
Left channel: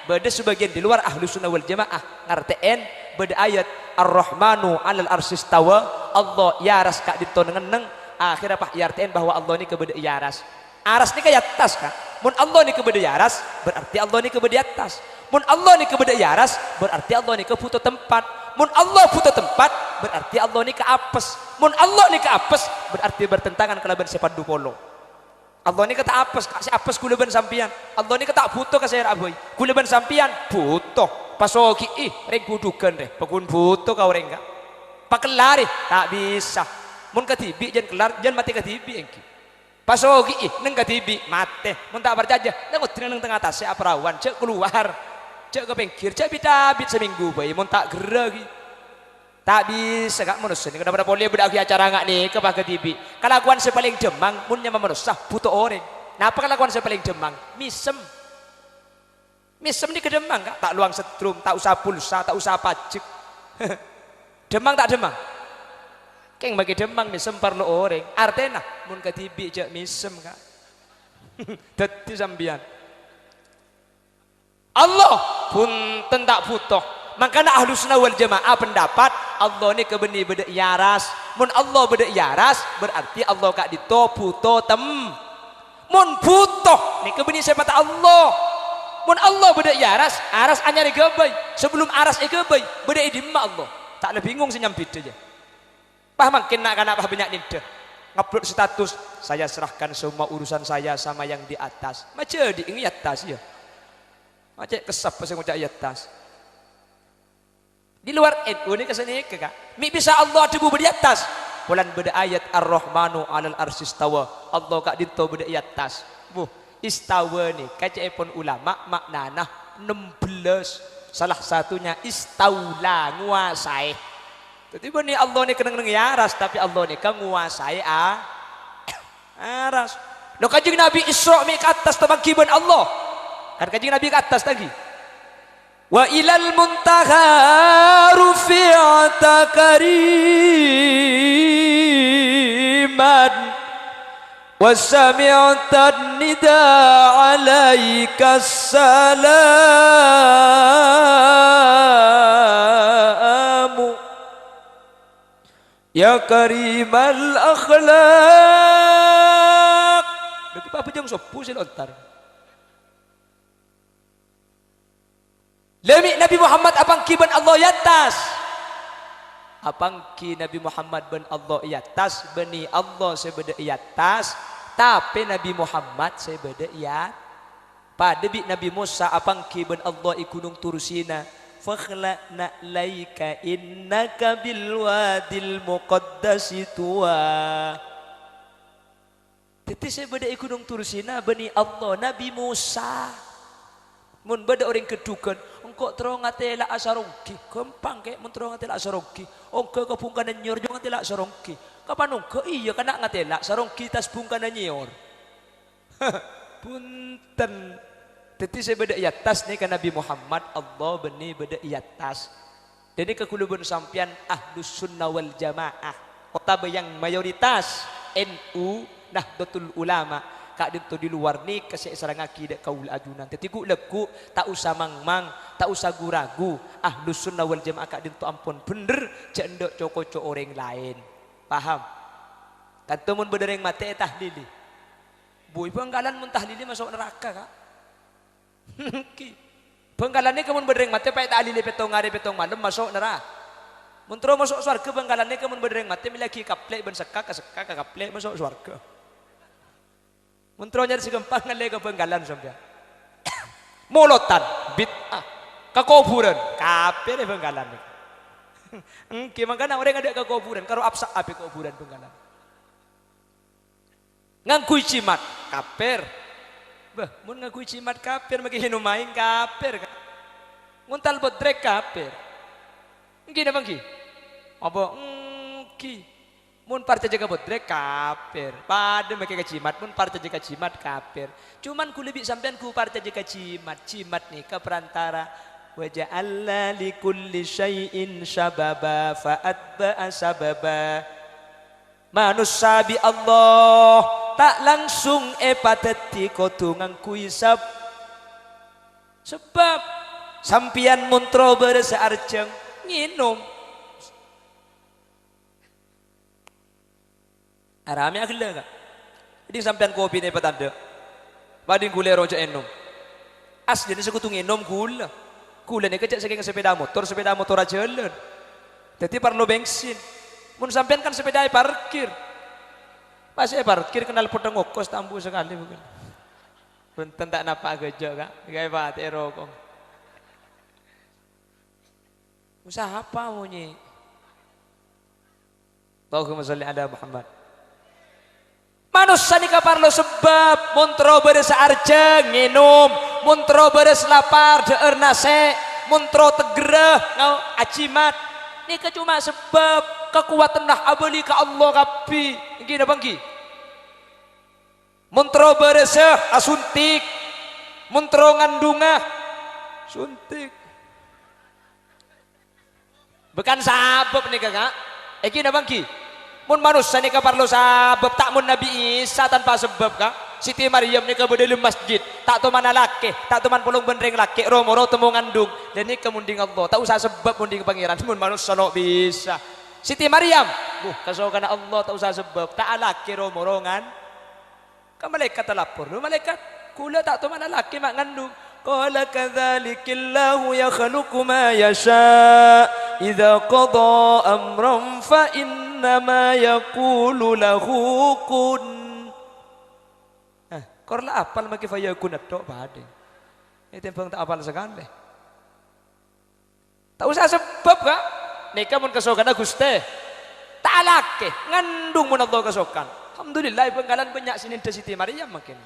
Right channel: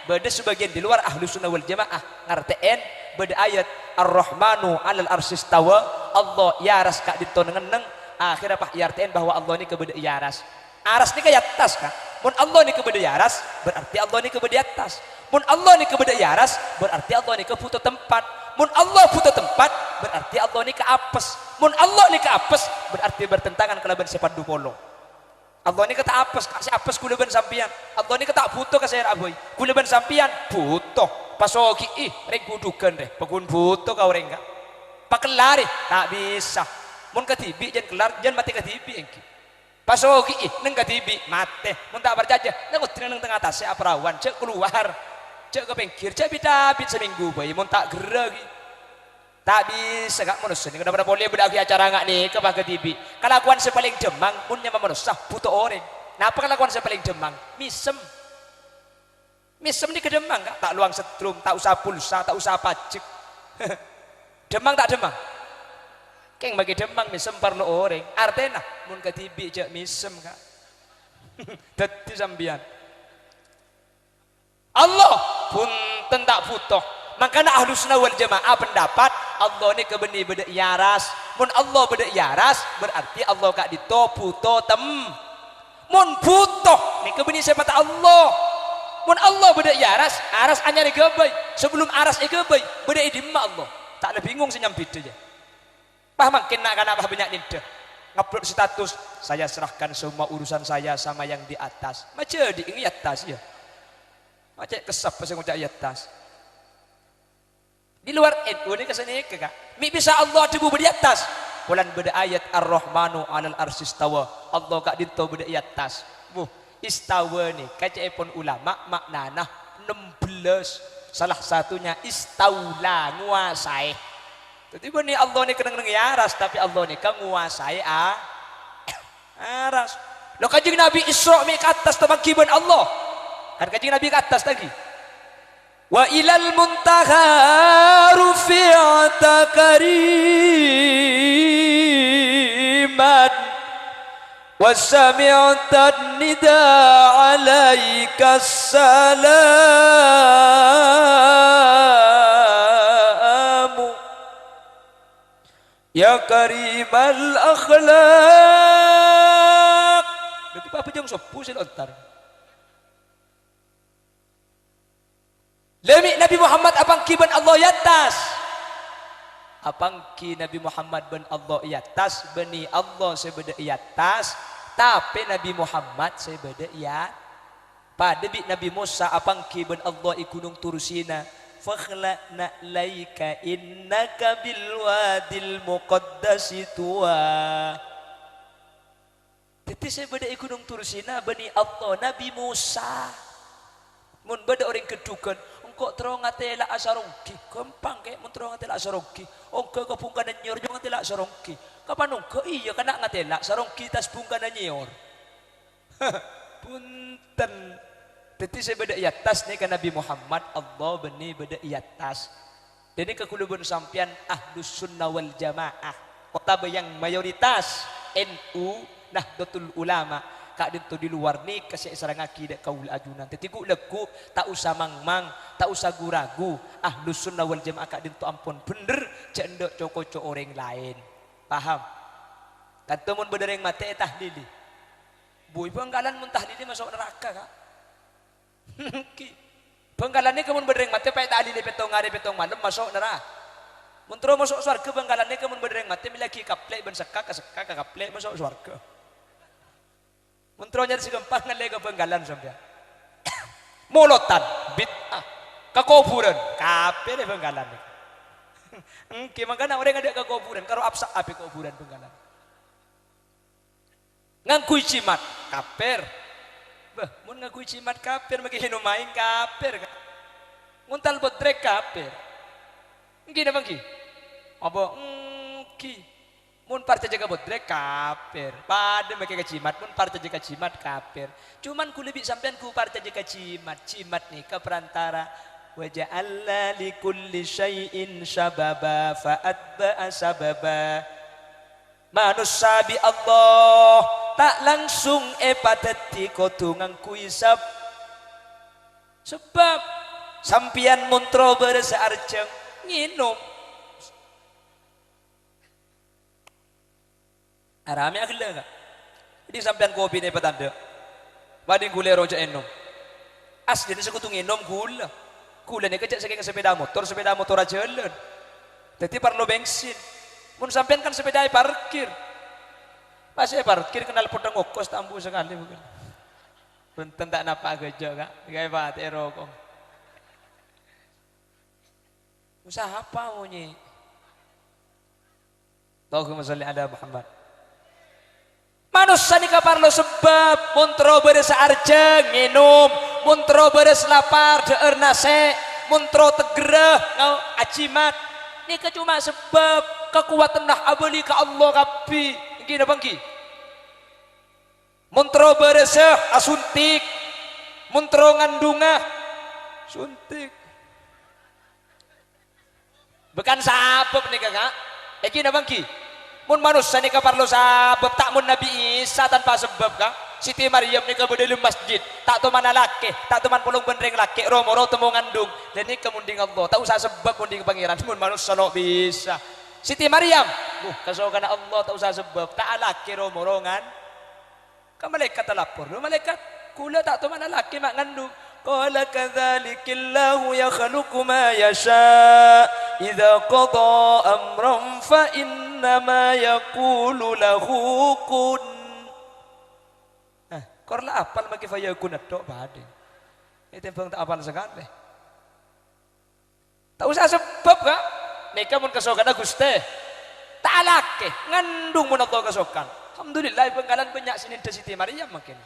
beda sebagian di luar ahlu sunnah wal jamaah ngertiin beda ayat Ar-Rahmanu 'alal arsyis tawa Allah yaras kak ditoneneng akhirnya pak yartiin bahwa Allah ini kebeda yaras aras ini kayak atas kak mun Allah ini kebeda yaras berarti Allah ini kebeda atas mun Allah ini kebeda yaras berarti Allah ini keputo tempat mun Allah puto tempat berarti Allah ini ke apes mun Allah ini ke apes berarti bertentangan kelaban sepandu polo Allah ini kata apes kasih apes kuleban sampian Allah ini kata butuh kasih aboy kuleban sampian butuh pasoki reng kudukan deh pekun butuh kau reng gak pakelari tak bisa mun ketibi jangan kelar jangan mati ketibi engki pasoki neng ketibi mate mun tak berjaja neng utrin neng tengah atas apa rawan cek keluar cek ke pinggir cek bidabit seminggu bayi mun tak geragi tak bisa gak manusia ini kenapa boleh beragi acara gak nih ke pak ketibi kelakuan sepaling demang munnya manusia butuh orang nah apa kelakuan sepaling demang misem ni kedemang gak? Tak luang setrum, tak usah pulsa, tak usah pajak. Demang tak demang. Keng bagi demang misem perlu orang. Artinya mun ketibi jak misem gak? Dadi sambian. Allah pun tentak butuh. Makanya ahlu sunnah wal jamaah pendapat Allah ni kebeni beda yaras. Mun Allah beda yaras berarti Allah gak ditoputo mun butuh ni kebeni semata Allah. Mun Allah beda yaras, aras anyar gebay. Sebelum aras gebay, beda idimma Allah. Tak lebih bingung senyampit aja. Pah makin nak apa banyak nida. Ngupload status, saya serahkan semua urusan saya sama yang di atas. Macam di ini atas ya. Macam kesap pasang ucap atas. Di luar itu ni kesini kekak. Mi bisa Allah debu di atas. Bulan beda ayat Ar-Rahmanu 'alal arsyis tawa. Allah kak dinto beda atas. Istawa ni kacepon ulama maknana 16 salah satunya istaula nguasai jadi ni Allah ni kena yaras tapi Allah ni kan nguasai aras lo kanjeng Nabi Isra mi ke atas terbangkiban Allah kan kanjeng Nabi ke atas lagi wa ilal muntaha rufi'ata kariman وَسَمِعْتَ النِّدَاءَ عَلَيْكَ السَّلَامُ Ya karimal akhlak. Berarti apa jeng sopu sih lontar. Lemi Nabi Muhammad apang kiban Allah yatas. Apang ki Nabi Muhammad ben Allah yatas beni Allah sebeda yatas. Tapi Nabi Muhammad sebeda ya. Pada bi Nabi Musa apang ki ben Allah ikunung turusina. Fakhla'na laika innaka bilwadil muqaddasi tuwa. Tapi saya beda ikunung turusina bani Allah Nabi Musa. Mun beda orang kedukan engkau terong ngatela asarongki gampang kayak mun terong ngatela asarongki engkau kapungkanan nyor jangan ngatela asarongki kapan engkau iya kena ngatela asarongki tas pungkanan nyor. Punten. Tapi saya beda iatas nih kan Nabi Muhammad Allah beni beda iatas. Jadi kekulubun sampian ahlus sunnah wal jamaah. Kota yang mayoritas NU Nahdlatul Ulama. Kak dito di luar nih kasih sarang akidah kaul ajunan. Tapi ku leku tak usah mangmang, tak usah guragu. Ahlus sunnah wal jamaah kak dito ampun bener cendok coko-coko orang lain. Paham? Kan temun bener yang mati tahlili. Boy banggalan mun tahlili masuk neraka kak. Bengkalannya kemun berdeng mati pakai tali petong hari petong malam masuk neraka. Muntro masuk surga bengkalannya kemun berdeng mati miliki kaplek ben sekak kaplek masuk surga. Muntro nyari segempang ngalih ke bengkalan sampean. Molotan bid'ah kekuburan kafir bengkalan. Makanya orang ada kekuburan karo absak api kekuburan bengkalan. Ngangkui cimat kafir. Bah, mun ngaku cimat kafir maki hinumain kafir. Nguntal bodrek kafir. Ngene bangki. Apa ki. Mun parca jaga bodrek kafir. Pada maki cimat mun parca jaga cimat kafir. Cuman ku lebih sampean ku parca jaga cimat. Cimat nih ke perantara wa ja'alna likulli syai'in syababa fa'atba'a sababa. Manusia bi Allah tak langsung pateti kotungan kuisap sebab sampian muntro bersearjeng nginum arame akhirnya enggak jadi sampian kopi ini petanda bading gula rojak enum asli ini sekutu nginum gula ini kecek saking sepeda motor aja jalan jadi perlu bensin mun sampean kan sepeda parkir. Masih parkir kenal potong ngokos tambu sekali bukan. Punten tak napa gejo kak. Gawe bat erokong. Usaha apa munyi? Allahumma sholli ala Muhammad. Manusia nika parlo sebab muntro beres arjeng minum, muntro beres lapar deur nase, muntro tegereh ngau acimat. Nika cuma sebab kekuatan dah abali ka Allah kapi. Gini bangki. Muntro bereseh asuntik. Muntro ngandungah suntik. Bukan sabab nih kakak. Gini bangki. Mun manusia nih kaparlo sabab tak mun Nabi Isa tanpa sebab kak. Siti Maryam nih kabudel masjid. Tak tu mana laki, tak tu man pulung bendring laki. Romoro temu ngandung. Dan ini kemunding Allah. Tak usah sebab munding pangeran. Mun manusia no bisa. Siti Maryam, kasokan Allah tak usah sebab, tak laki romorongan. Kan malaikat lapor, malaikat kula tak tahu mana laki mak ngandung. Qala kadzalikillahu yakhluqu ma yasha, idza qada amran fa innama yaqulu lahu kun. Korla apal maki fa yakun tok bade. Itu yang tak apal sekali. Tak usah sebab kak. Nika mun kasokan Gusti. Tak laki ngandung mun Allah kasokan. Alhamdulillah benggalan banyak sini Siti Maryam makin.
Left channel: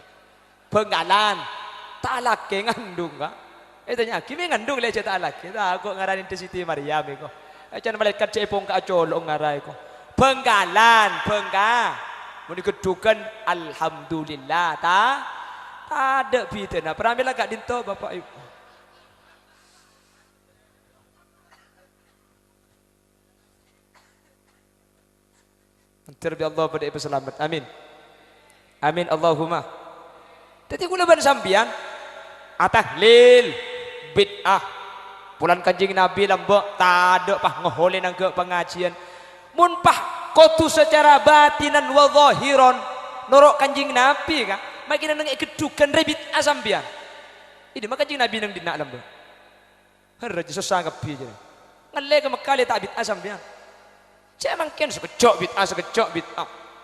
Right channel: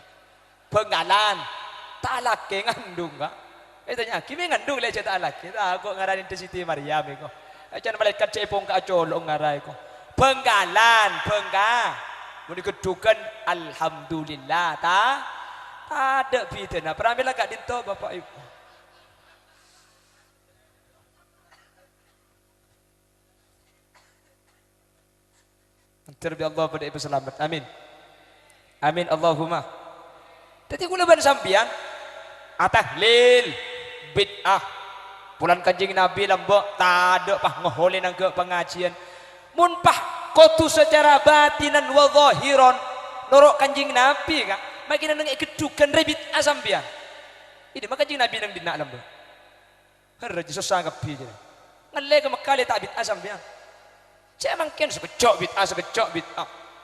Benggalan tak laki ngandung kak. Itu nya kimi ngandung le tak laki. Tak kok ngaranin Siti Maryam iko. Acan malaikat cepong ka colong ngarai ko. Benggalan, bengga. Mun dikedukan alhamdulillah ta. Ada fitnah. Pramila gak dinto Bapak Ibu. Terbi Allah pada ibu selamat. Amin. Amin Allahumma. Jadi kula ban sambiang atahlil bid'ah. Bulan Kanjeng Nabi lambok tak ada pah ngoholin nang ke pengajian. Munpah kotu secara batinan wa zahiron norok kanjing Nabi kan makin nang kedukan rebit asambian ini maka kanjing Nabi nang dina alam do harja sesangap bi je ngalle ke makali tak bit asambian cemang ken sekejok bit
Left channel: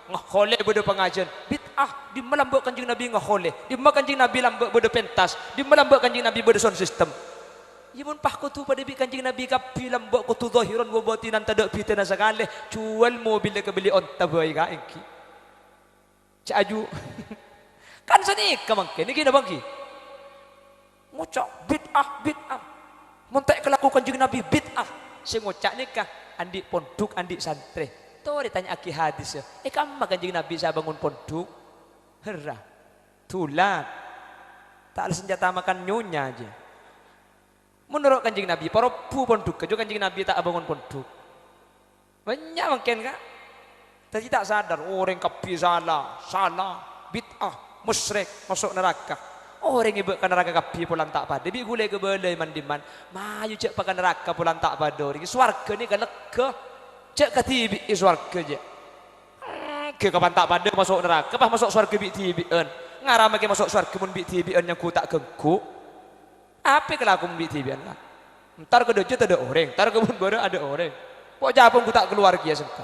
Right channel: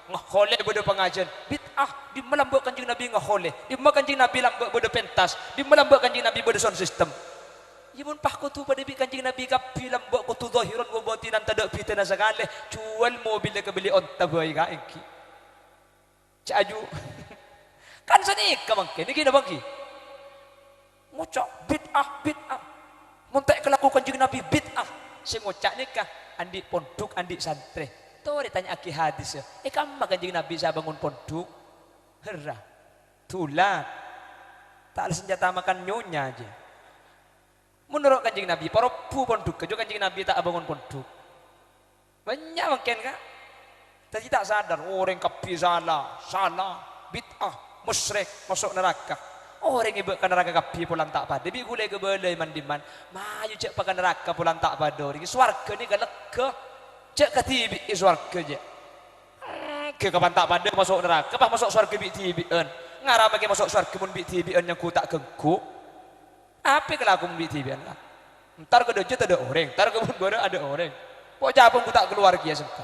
ngahole bodo pengajian bid'ah di melambak kanjing Nabi ngahole di kanjing Nabi lambak bodo pentas di melambak kanjing Nabi bodo sound system imun pah kutu pada bi kanjing Nabi kapi lambak kutu zahiran wa batinan tadak fitna sakale jual mobil ke beli onta boy ka iki cak aju kan sani kamangke niki na bagi ngocak bid'ah montek kelaku kanjing Nabi bid'ah sing ngocak nikah andi pondok andi santri tuh ditanya aki hadis ya kamu kanjing Nabi saya bangun pondok herah tulan tak ada senjata makan nyonya aja menurut kanjing Nabi para pu pondok kejo kanjing Nabi tak bangun pondok banyak mungkin kan tapi tak sadar orang kapi salah bid'ah musyrik masuk neraka orang ibu ke neraka kapi pulang tak pada bi gule ke belai mandiman mayu cek pakai neraka pulang tak pada ring swarga ni galak ke cek ke tibi swarga je ke kapan tak pada masuk neraka pas masuk swarga bi tibian ngaram ke masuk swarga mun bi tibian yang ku tak gengku apa kelaku bi tibian lah entar ke dojo ada orang entar ke mun baru ada orang pok japon ku tak keluar kia semka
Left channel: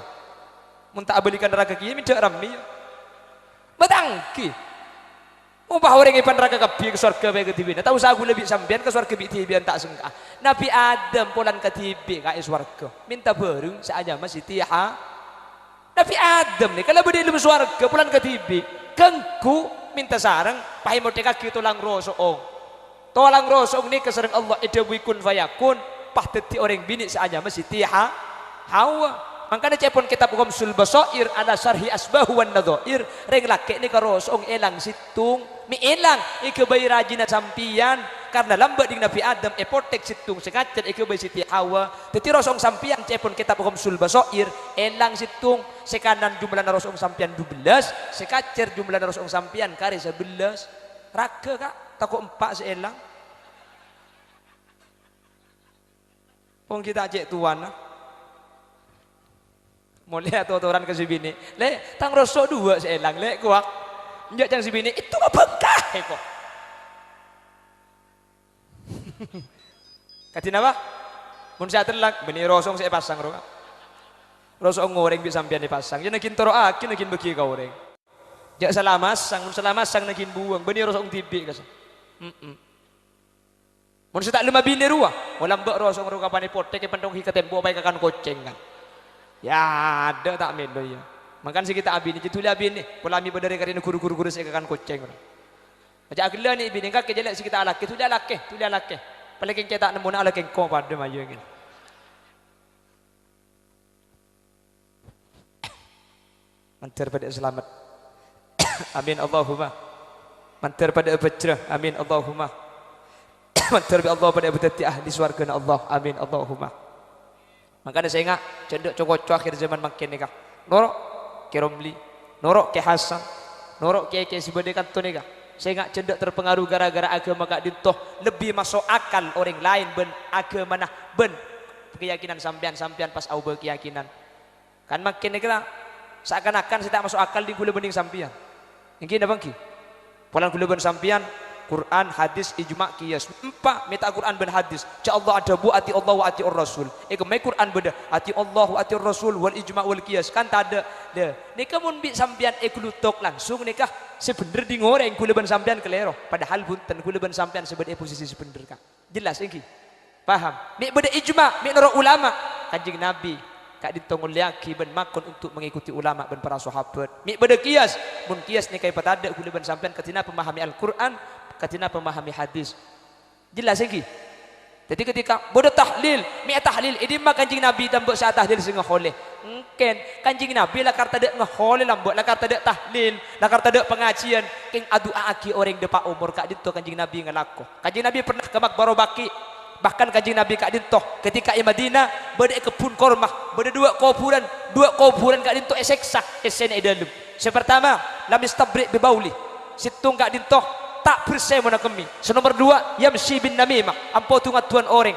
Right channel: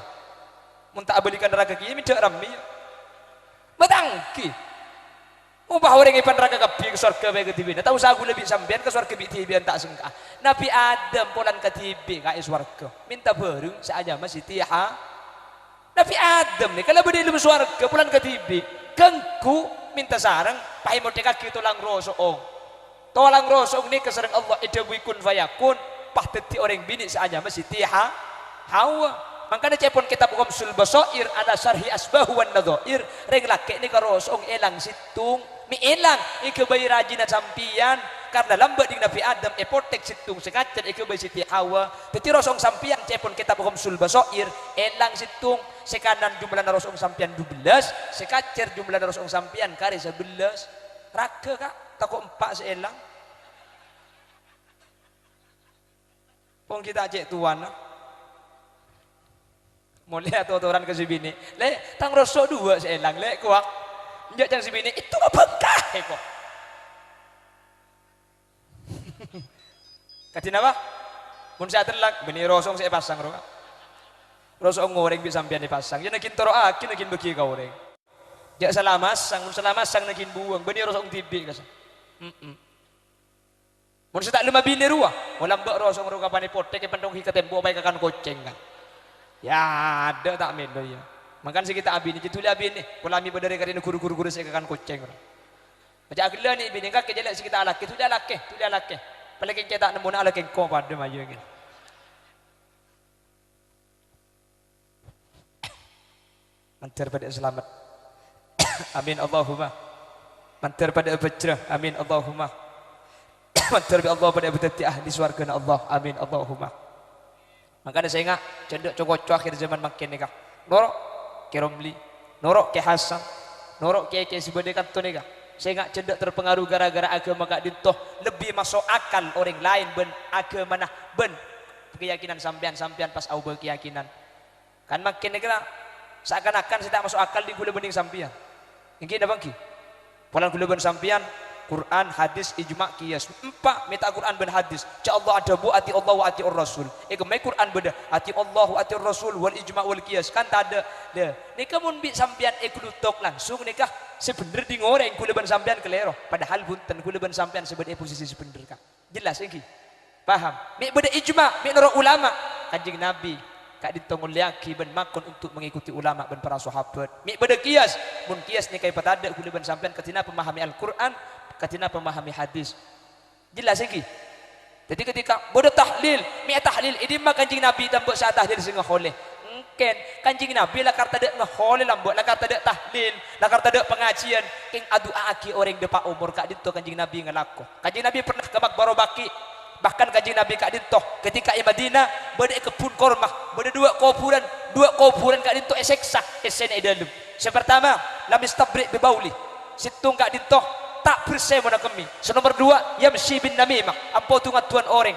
mun tak belikan neraka kia mi cek rami batangki umpah orang ipan neraka kapi ke swarga be ke tibian tak usah aku lebih sampean ke swarga bi tibian tak sengka Nabi Adam pulang ke tibi ka swarga minta bareng saja masih tiha Nabi Adam ni kalau berdiri di swarga pulang ke tibi kengku minta sarang pai merdeka ki tulang rosong tulang rosong ni kesering Allah idawui kun fayakun pah teti orang bini saja masih tiha hawa makanya cepon kitab Ghamsul Basair ala syarhi asbahu wan nadhair reng laki ni karosong elang situng mi elang ikebai rajina sampian karena lambat ding Nabi Adam potek situng sekacer ikebai siti Hawa teti rosong sampian cepon kitab Ghamsul Basair elang situng sekanan jumlah rosong sampian 12 sekacer jumlah rosong sampian kari 11 raga kak takut 4 seelang pun kita cek tuan mau lihat tuan ke sibini le tang rosok 2 seelang le kuak njak tang sibini itu apa kah kok katin apa mun sa telak beni rosong saya pasang ro rosong goreng bisa sampean dipasang jadi nakin toro akin nakin bagi ka goreng jak salamasang nakin buang beni rosong tibi kas mun sa tak lima bini ruah walang mbak rosong ro kapane potek pendong hikatembo pai kakan koceng kan ya ada tak medo ya makan si kita abini itu lihat abini polami pada rekari guru-guru saya kakan koceng macam agila ni bini kak kejelek si kita alake tu dia lake paling kita tak nemu nak alake kau pada maju ni mantir pada selamat amin Allahumma mantir pada bajrah amin Allahumma mantir pada Allah pada betati ahli swarga Allah amin Allahumma makanya saya ingat cendek cokok akhir zaman makin nikah norok ke Romli norok ke Hasan norok ke sebedekan tu nikah saya ingat cendek terpengaruh gara-gara agama kak dintoh lebih masuk akal orang lain ben agama nah ben keyakinan sampean pas au berkeyakinan kan makin nikah seakan-akan saya tak masuk akal di gula bening sampean mungkin apa ki pulang gula ben sampean Quran, hadis, ijma, qiyas. Empat meta Quran ben hadis. Ca Allah ada bu ati Allah wa ati Rasul. Mai Quran beda ati Allah wa ati Rasul wal ijma wal qiyas kan tak ada. Deh. Nikah mun bi sampean klutok langsung nikah sebener di ngoreng kula ben sampean kelero. Padahal bunten kula ben sampean sebenarnya posisi sebener kak. Jelas iki. Paham? Mik beda ijma, mik nara ulama. Kanjeng Nabi kak ditongol yaki ben makon untuk mengikuti ulama ben para sahabat. Mik beda qiyas. Mun qiyas nikah patada kula ben sampean ketina pemahami Al-Qur'an katina pemahami hadis jelas lagi jadi ketika bodoh tahlil mi tahlil ini mah kanjing Nabi tambah saat tahlil sing ngholeh mungkin kanjing Nabi lah karta dek ngholeh lambok lah karta dek tahlil lah karta dek pengajian king adu aki orang depa umur kak dinto kanjing Nabi ngelako kanjing Nabi pernah ke Makbaro Baki bahkan kanjing Nabi kak dinto ketika di Madinah beda kebun korma beda dua kuburan kak dinto eseksa esen dalam sepertama lam istabri bibauli situng kak dinto tak bersih mana kami. So nomor 2, yamsi bin namimah. Ampau tungat tuan orang.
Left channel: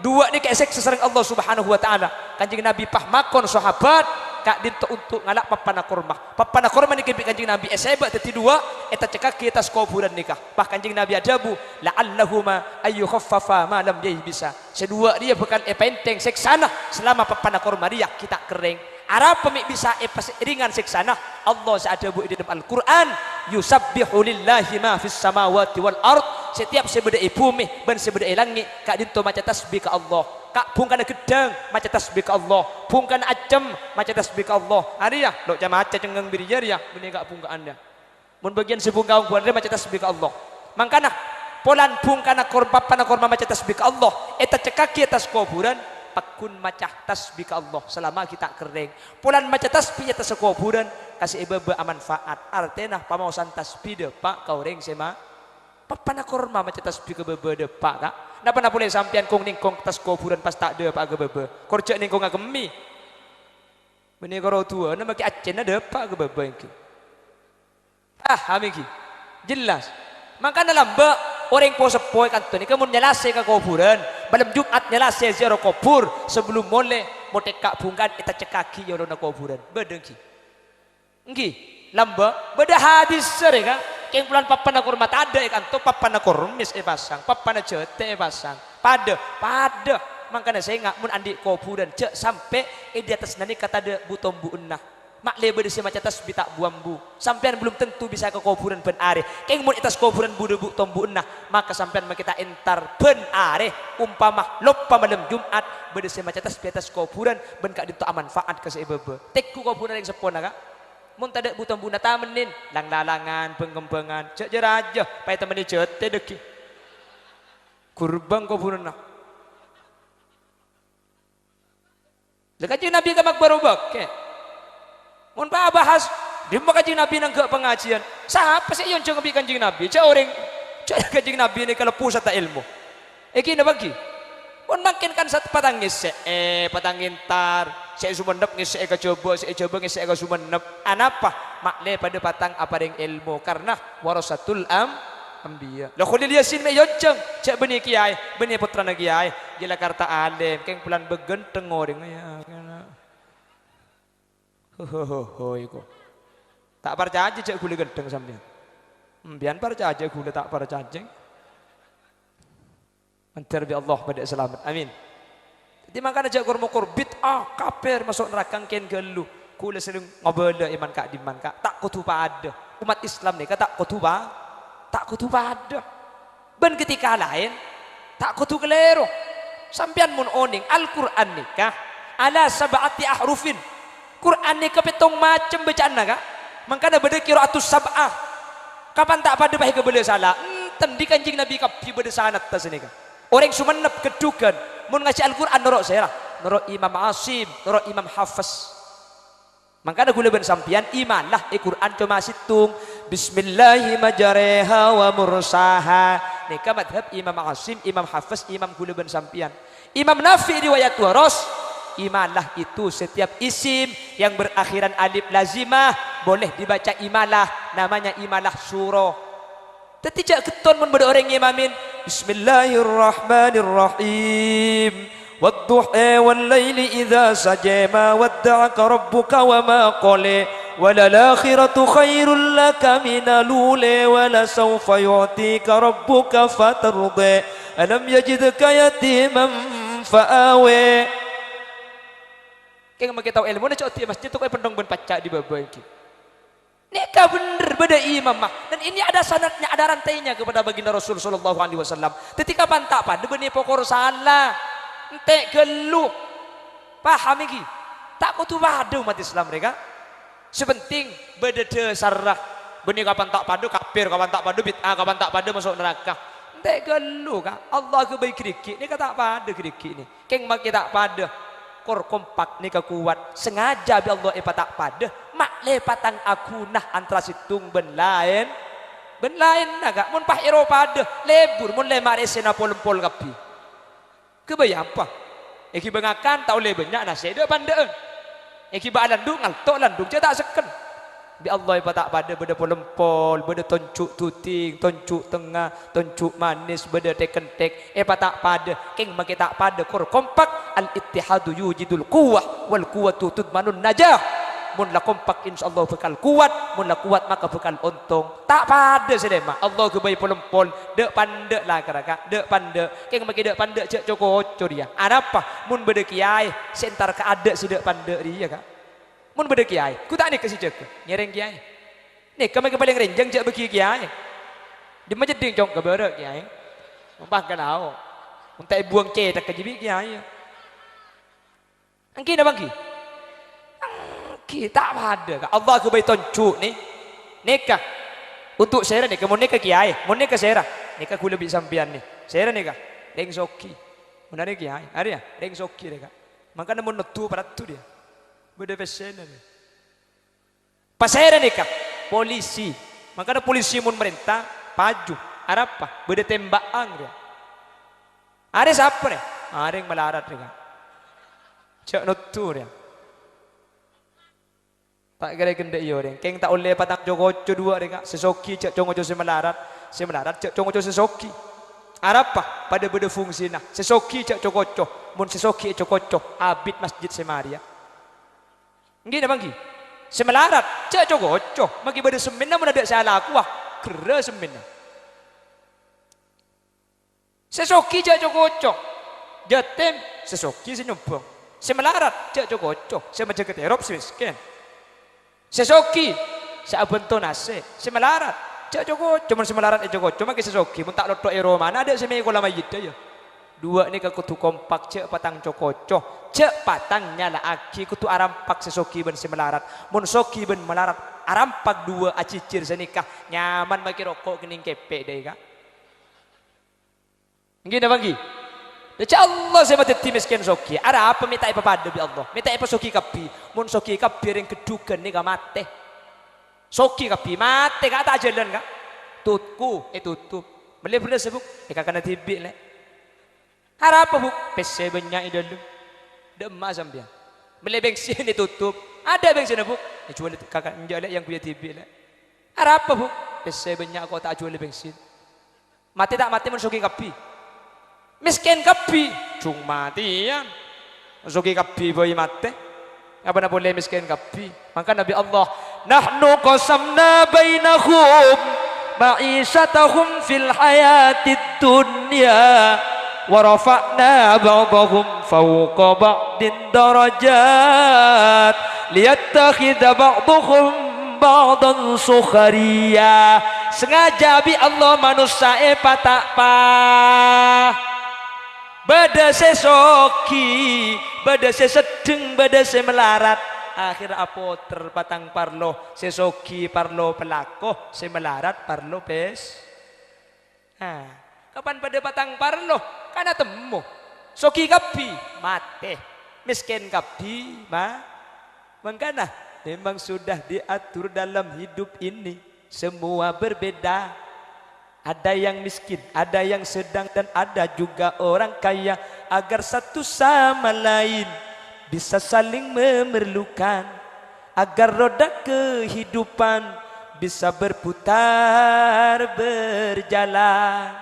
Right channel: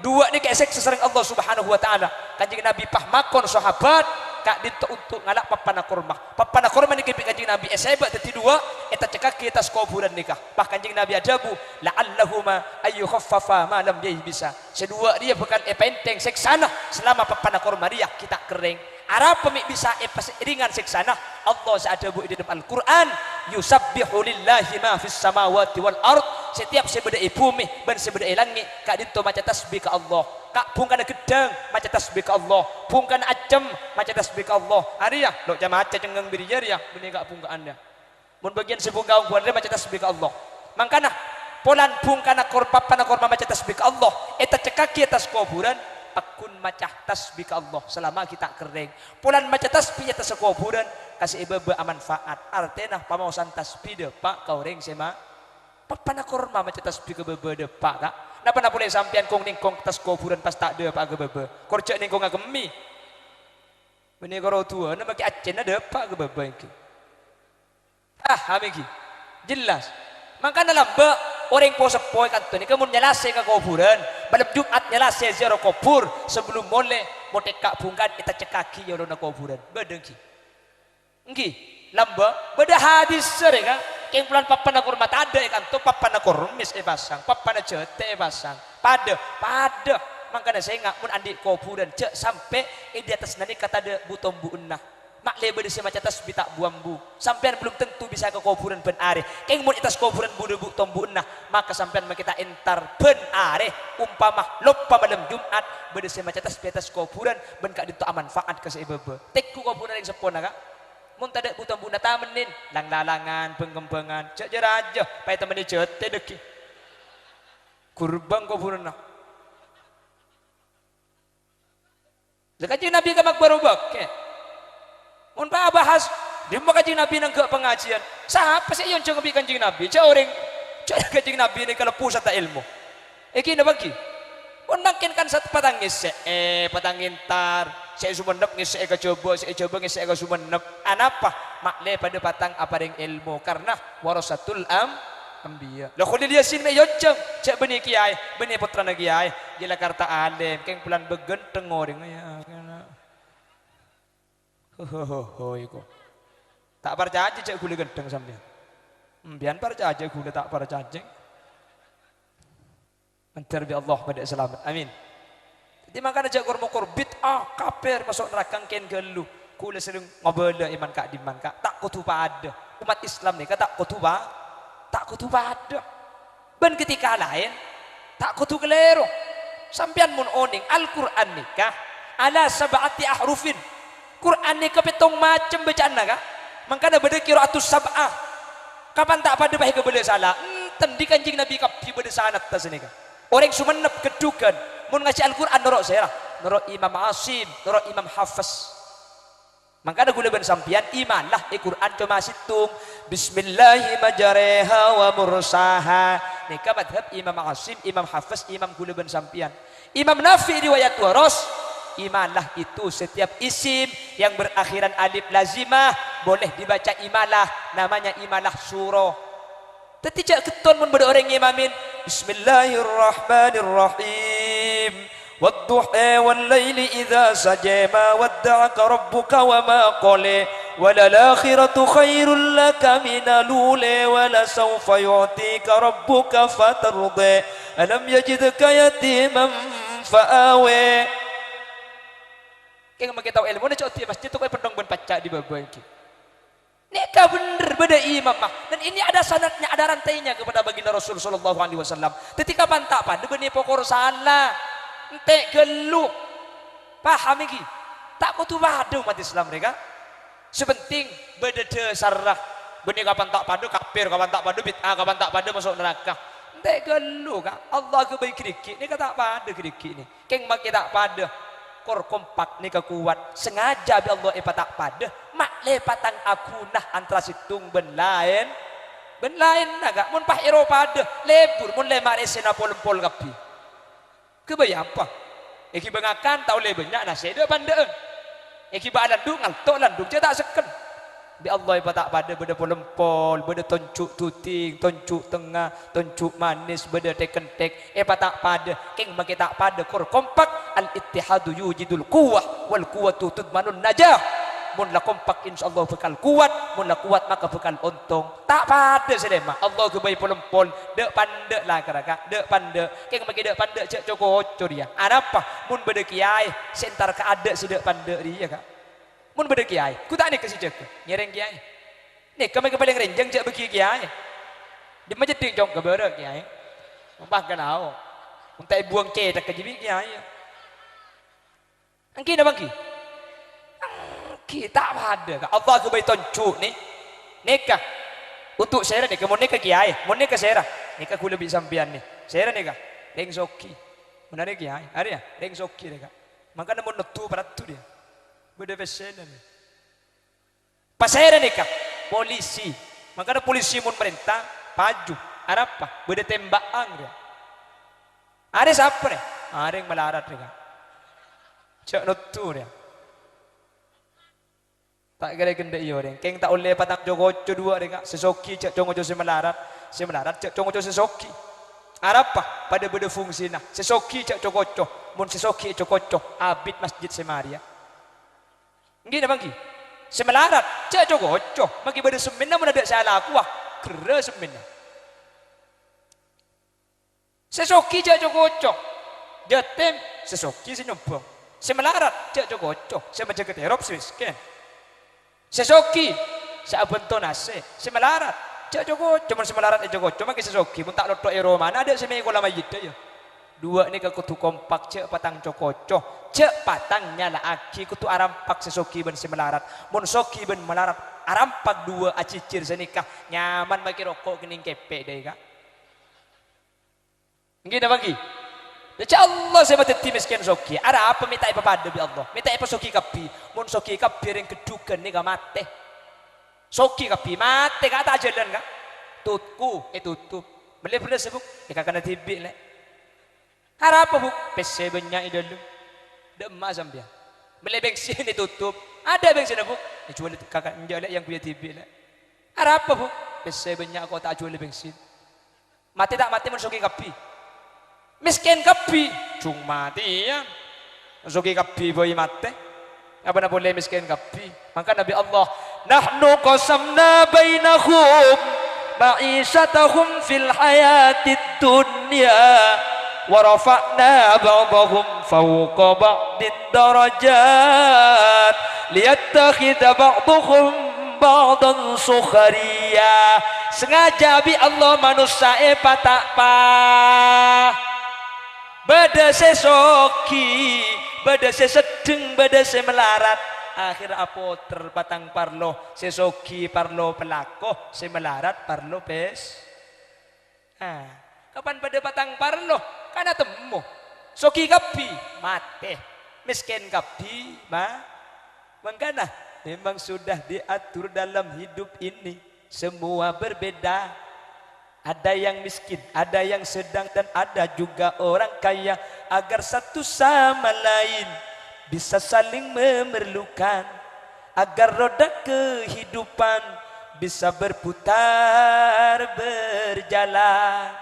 Dua ni kayak sesering Allah Subhanahu wa taala. Kanjeng Nabi pahmakon sahabat kak dinto untuk ngalak papana korma ni kebik kanjeng Nabi eseba teti dua eta cekak kita kuburan nikah. Bah kanjeng Nabi ajabu la'allahuma ayu khaffafa ma lam dia bisa. Sedua dia bukan penteng seksana selama papana korma dia kita kering. Arab pemik bisa ringan seksana Allah seadabu di dalam Al-Quran yusabbihu lillahi ma fis samawati wal ard. Setiap sebeda bumi dan sebeda langit kak dinto maca tasbih ke Allah. Kak pungkana gedang maca tasbih ke Allah. Pungkana acem maca tasbih ke Allah. Hari ya dok jamaca cengang birijar ya meni kak pungka anda. Mun bagian sepungka buan dia maca tasbih ke Allah. Mangkana polan pungkana korban pana korban maca tasbih ke Allah. Eta cekaki atas kuburan pakun maca tasbih ke Allah selama kita kering. Polan maca tasbih atas kuburan kasih ibebe manfaat. Artena pamausan tasbih de pak kau ring sema papana korma maca tasbih ke bebe de pak kak. Napa na boleh sampean kong ningkong tas kuburan pas tak de pak ke bebe. Korja ningkong agemi. Beni karo tua na maki acen de pak ke bebe iki. Hamiki. Jelas. Maka dalam ba orang po sepoi kanto ni kamu nyelase ke kuburan. Malam Jumat nyelase ziarah kubur sebelum mole moteka bungkan kita cekaki yo na kuburan. Bedengki. Engki. Lamba beda habis serega keng pulan papana kurma ada ikan to papana kurmis pasang papana jete pasang pada makanya saya ngak mun andi kuburan cek sampai di atas nani kata de butombu enah mak lebe desi maca tasbih tak buambu sampean belum tentu bisa ke kuburan ben are keng mun atas kuburan budu butombu enah maka sampean kita entar ben are umpama lupa malam Jumat berdesi maca tasbih atas kuburan ben kak dinto manfaat ke sebebe tekku kuburan yang sepona kak mun tada buton buna tamenin lang lalangan pengembangan cek jeraja pai temenin jete deki kurbang ko purna Kanjeng Nabi ka magbarubak ke mun pa bahas di kanjeng Nabi nang ke pengajian siapa sih yang jeung kanjeng Nabi cek orang cek kanjeng Nabi ni kalau pusat ilmu iki na bagi mun makin kan satu patangis patangin tar saya sumenep ngisi eka coba ngisi eka sumenep anapa makle pada patang apa yang ilmu karena warasatul ambiya lah khulil yasin me yojeng cek benih kiai benih putra na kiai gila karta alim keng pulan begenteng orang ya ho iku tak percaya cek gule gendeng sampean mbian percaya gule tak percaya antar bi Allah pada selamat amin. Jadi makanya jago mokur bid'ah kafir masuk neraka ken gelu. Kula sering ngobele iman kak diman kak tak kutu pada umat Islam ni tak kutu pada. Ben ketika lain tak kutu keliru. Sampean mun oning Al-Qur'an nikah ala sab'ati ahrufin. Qur'an ni kepetong macam bacaan kak. Makanya beda qiraatus sab'ah. Kapan tak pada baik kebele salah. Tendi kanjing Nabi kapi beda sanad tas ni kak. Orang sumenep kedukan mun ngaji Al-Qur'an norok saya lah norok Imam Asim norok Imam Hafiz mangkana gule ben sampian iman lah Al-Qur'an cuma situng bismillahirrahmanirrahim wa mursaha nika madhab Imam Asim Imam Hafiz Imam gule ben sampian Imam Nafi riwayat waros iman lah itu setiap isim yang berakhiran alif lazimah boleh dibaca imalah namanya imalah surah Tetijak keton mun beda orang imamin Bismillahirrahmanirrahim Wadduha wal laili idza saja ma wadda'aka rabbuka wa ma qala walal akhiratu khairul laka minal ula wala sawfa yu'tika rabbuka fatarda alam yajidka yatiman fa'awa Kaya makitaw ilmu na cok masjid tu kay pendong ben pacak di bawah iki Nika bener beda imam mah. Dan ini ada sanadnya, ada rantainya kepada baginda Rasul sallallahu alaihi wasallam. Ketika bantah pada benih pokor salah. Ente gelu. Paham iki? Tak kutu wadu umat Islam mereka. Sepenting beda sarah. Benih kapan tak pada kafir, kapan tak pada bid'ah, kapan tak pada masuk neraka. Ente gelu kah? Allah ke baik kriki. Nika tak pada kriki ni. Keng mak tak pada. Kor kompak nika kuat. Sengaja bi Allah tak pada. Mak lepatan aku nah antara situng ben lain naga mun pah Eropa ada lebur mun le maresena pol kapi kebaya apa eki bengakan tau lebenya nah saya dia pandeun eki ba landung ngaltok landung cetak seken Bi Allah ipa tak pada beda polempol, beda toncuk tuting, toncuk tengah, toncuk manis, beda tekentek. Ipa tak pada, keng maki tak pada kor kompak al ittihadu yujidul quwwah wal quwwatu tudmanun najah. Mun la kompak insyaallah bakal kuat, mun la kuat maka bakal untung. Tak pada sedema. Allah ke bayi polempol, dek pandek lah keraka, dek pandek. Keng maki dek pandek cek coko dia. Ada apa? Mun beda kiai, sentar ke ada si dek pandek dia kak. Mun beda kiai, ku tak ni kasi cek, nyereng kiai. Ni kami ke paling renjang cek beki kiai. Di macam ding jong ke berak kiai. Mbah kan au. Untuk buang cetak ke jibi kiai. Angki dah bangki. Kita ada. Allah ke bayi toncu ni. Nikah. Untuk saya ni, kamu nikah kiai, mau nikah saya. Nikah ku lebih sampian ni. Saya nikah, deng soki. Mana ni kiai? Ada ya? Deng soki nikah. Maka namun netu pada tu dia. Beda pesen ni. Pas saya nikah, polisi. Maka ada polisi mun merintah, paju. Ada apa? Beda tembakan dia. Ada siapa ni? Ada yang melarat ni. Cak netu dia. Tak kira kena iyo deh. Keng tak oleh patang jogoco dua deh kak. Sesoki cek jogoco semelarat cek jogoco sesoki. Apa? Pada beda fungsi nah. Sesoki cek jogoco. Mun sesoki jogoco. Abid masjid semaria. Gini bangki. Semelarat cek jogoco. Maki beda semina mun ada salah aku ah. Kera semina. Sesoki cek jogoco. Jatim sesoki senyumpung. Semelarat cek jogoco. Semacam keterop semiskin. Sesoki, saya bentuk nasi, semelarat, cak Joko, cuma semelarat Joko, cuma kita sesoki, mun tak lotok mana ada semai kolam mayit aja. Dua ni kutu kompak cak patang Joko, cak patangnya lah aki kutu arampak sesoki ben semelarat, mun soki ben melarat, arampak dua acicir senikah, nyaman bagi rokok kening kepek deh kak. Gini bagi. Insya Allah saya baca timiskan soki. Ada apa minta apa pada bi Allah? Minta apa soki kapi? Mun soki kapi yang kedukan ni gak mate. Soki kapi mate gak tak jalan kak. Tutku tutup. Beli sebuk. Ika kena tibik le. Ada apa buk? PC banyak idol. Demak sambil. Beli bensin tutup. Ada bensin buk. Jual kakak injak le yang punya tibik le. Ada apa buk? PC banyak kau tak jual bensin. Mati tak mati mun soki kapi. Miskin kapi, cuma mati ya. Soki kapi boy mate. Apa nak boleh miskin kapi? Maka Nabi Allah, nahnu qasamna bainahum ma'ishatahum fil hayatid dunya wa rafa'na ba'dahum fawqa ba'din darajat liyattakhidha ba'dahum ba'dan sukhariya. Sengaja bi Allah manusia patak pa. Beda sesoki, beda sesedeng, beda semelarat. Akhir apa terpatang parlo, sesoki parlo pelakoh, semelarat parlo pes. Kapan pada patang parlo? Kada temu. Soki kapi mate, miskin kapi mengkana. Memang sudah diatur dalam hidup ini. Semua berbeda. Ada yang miskin, ada yang sedang dan ada juga orang kaya. Agar satu sama lain bisa saling memerlukan. Agar roda kehidupan bisa berputar, berjalan,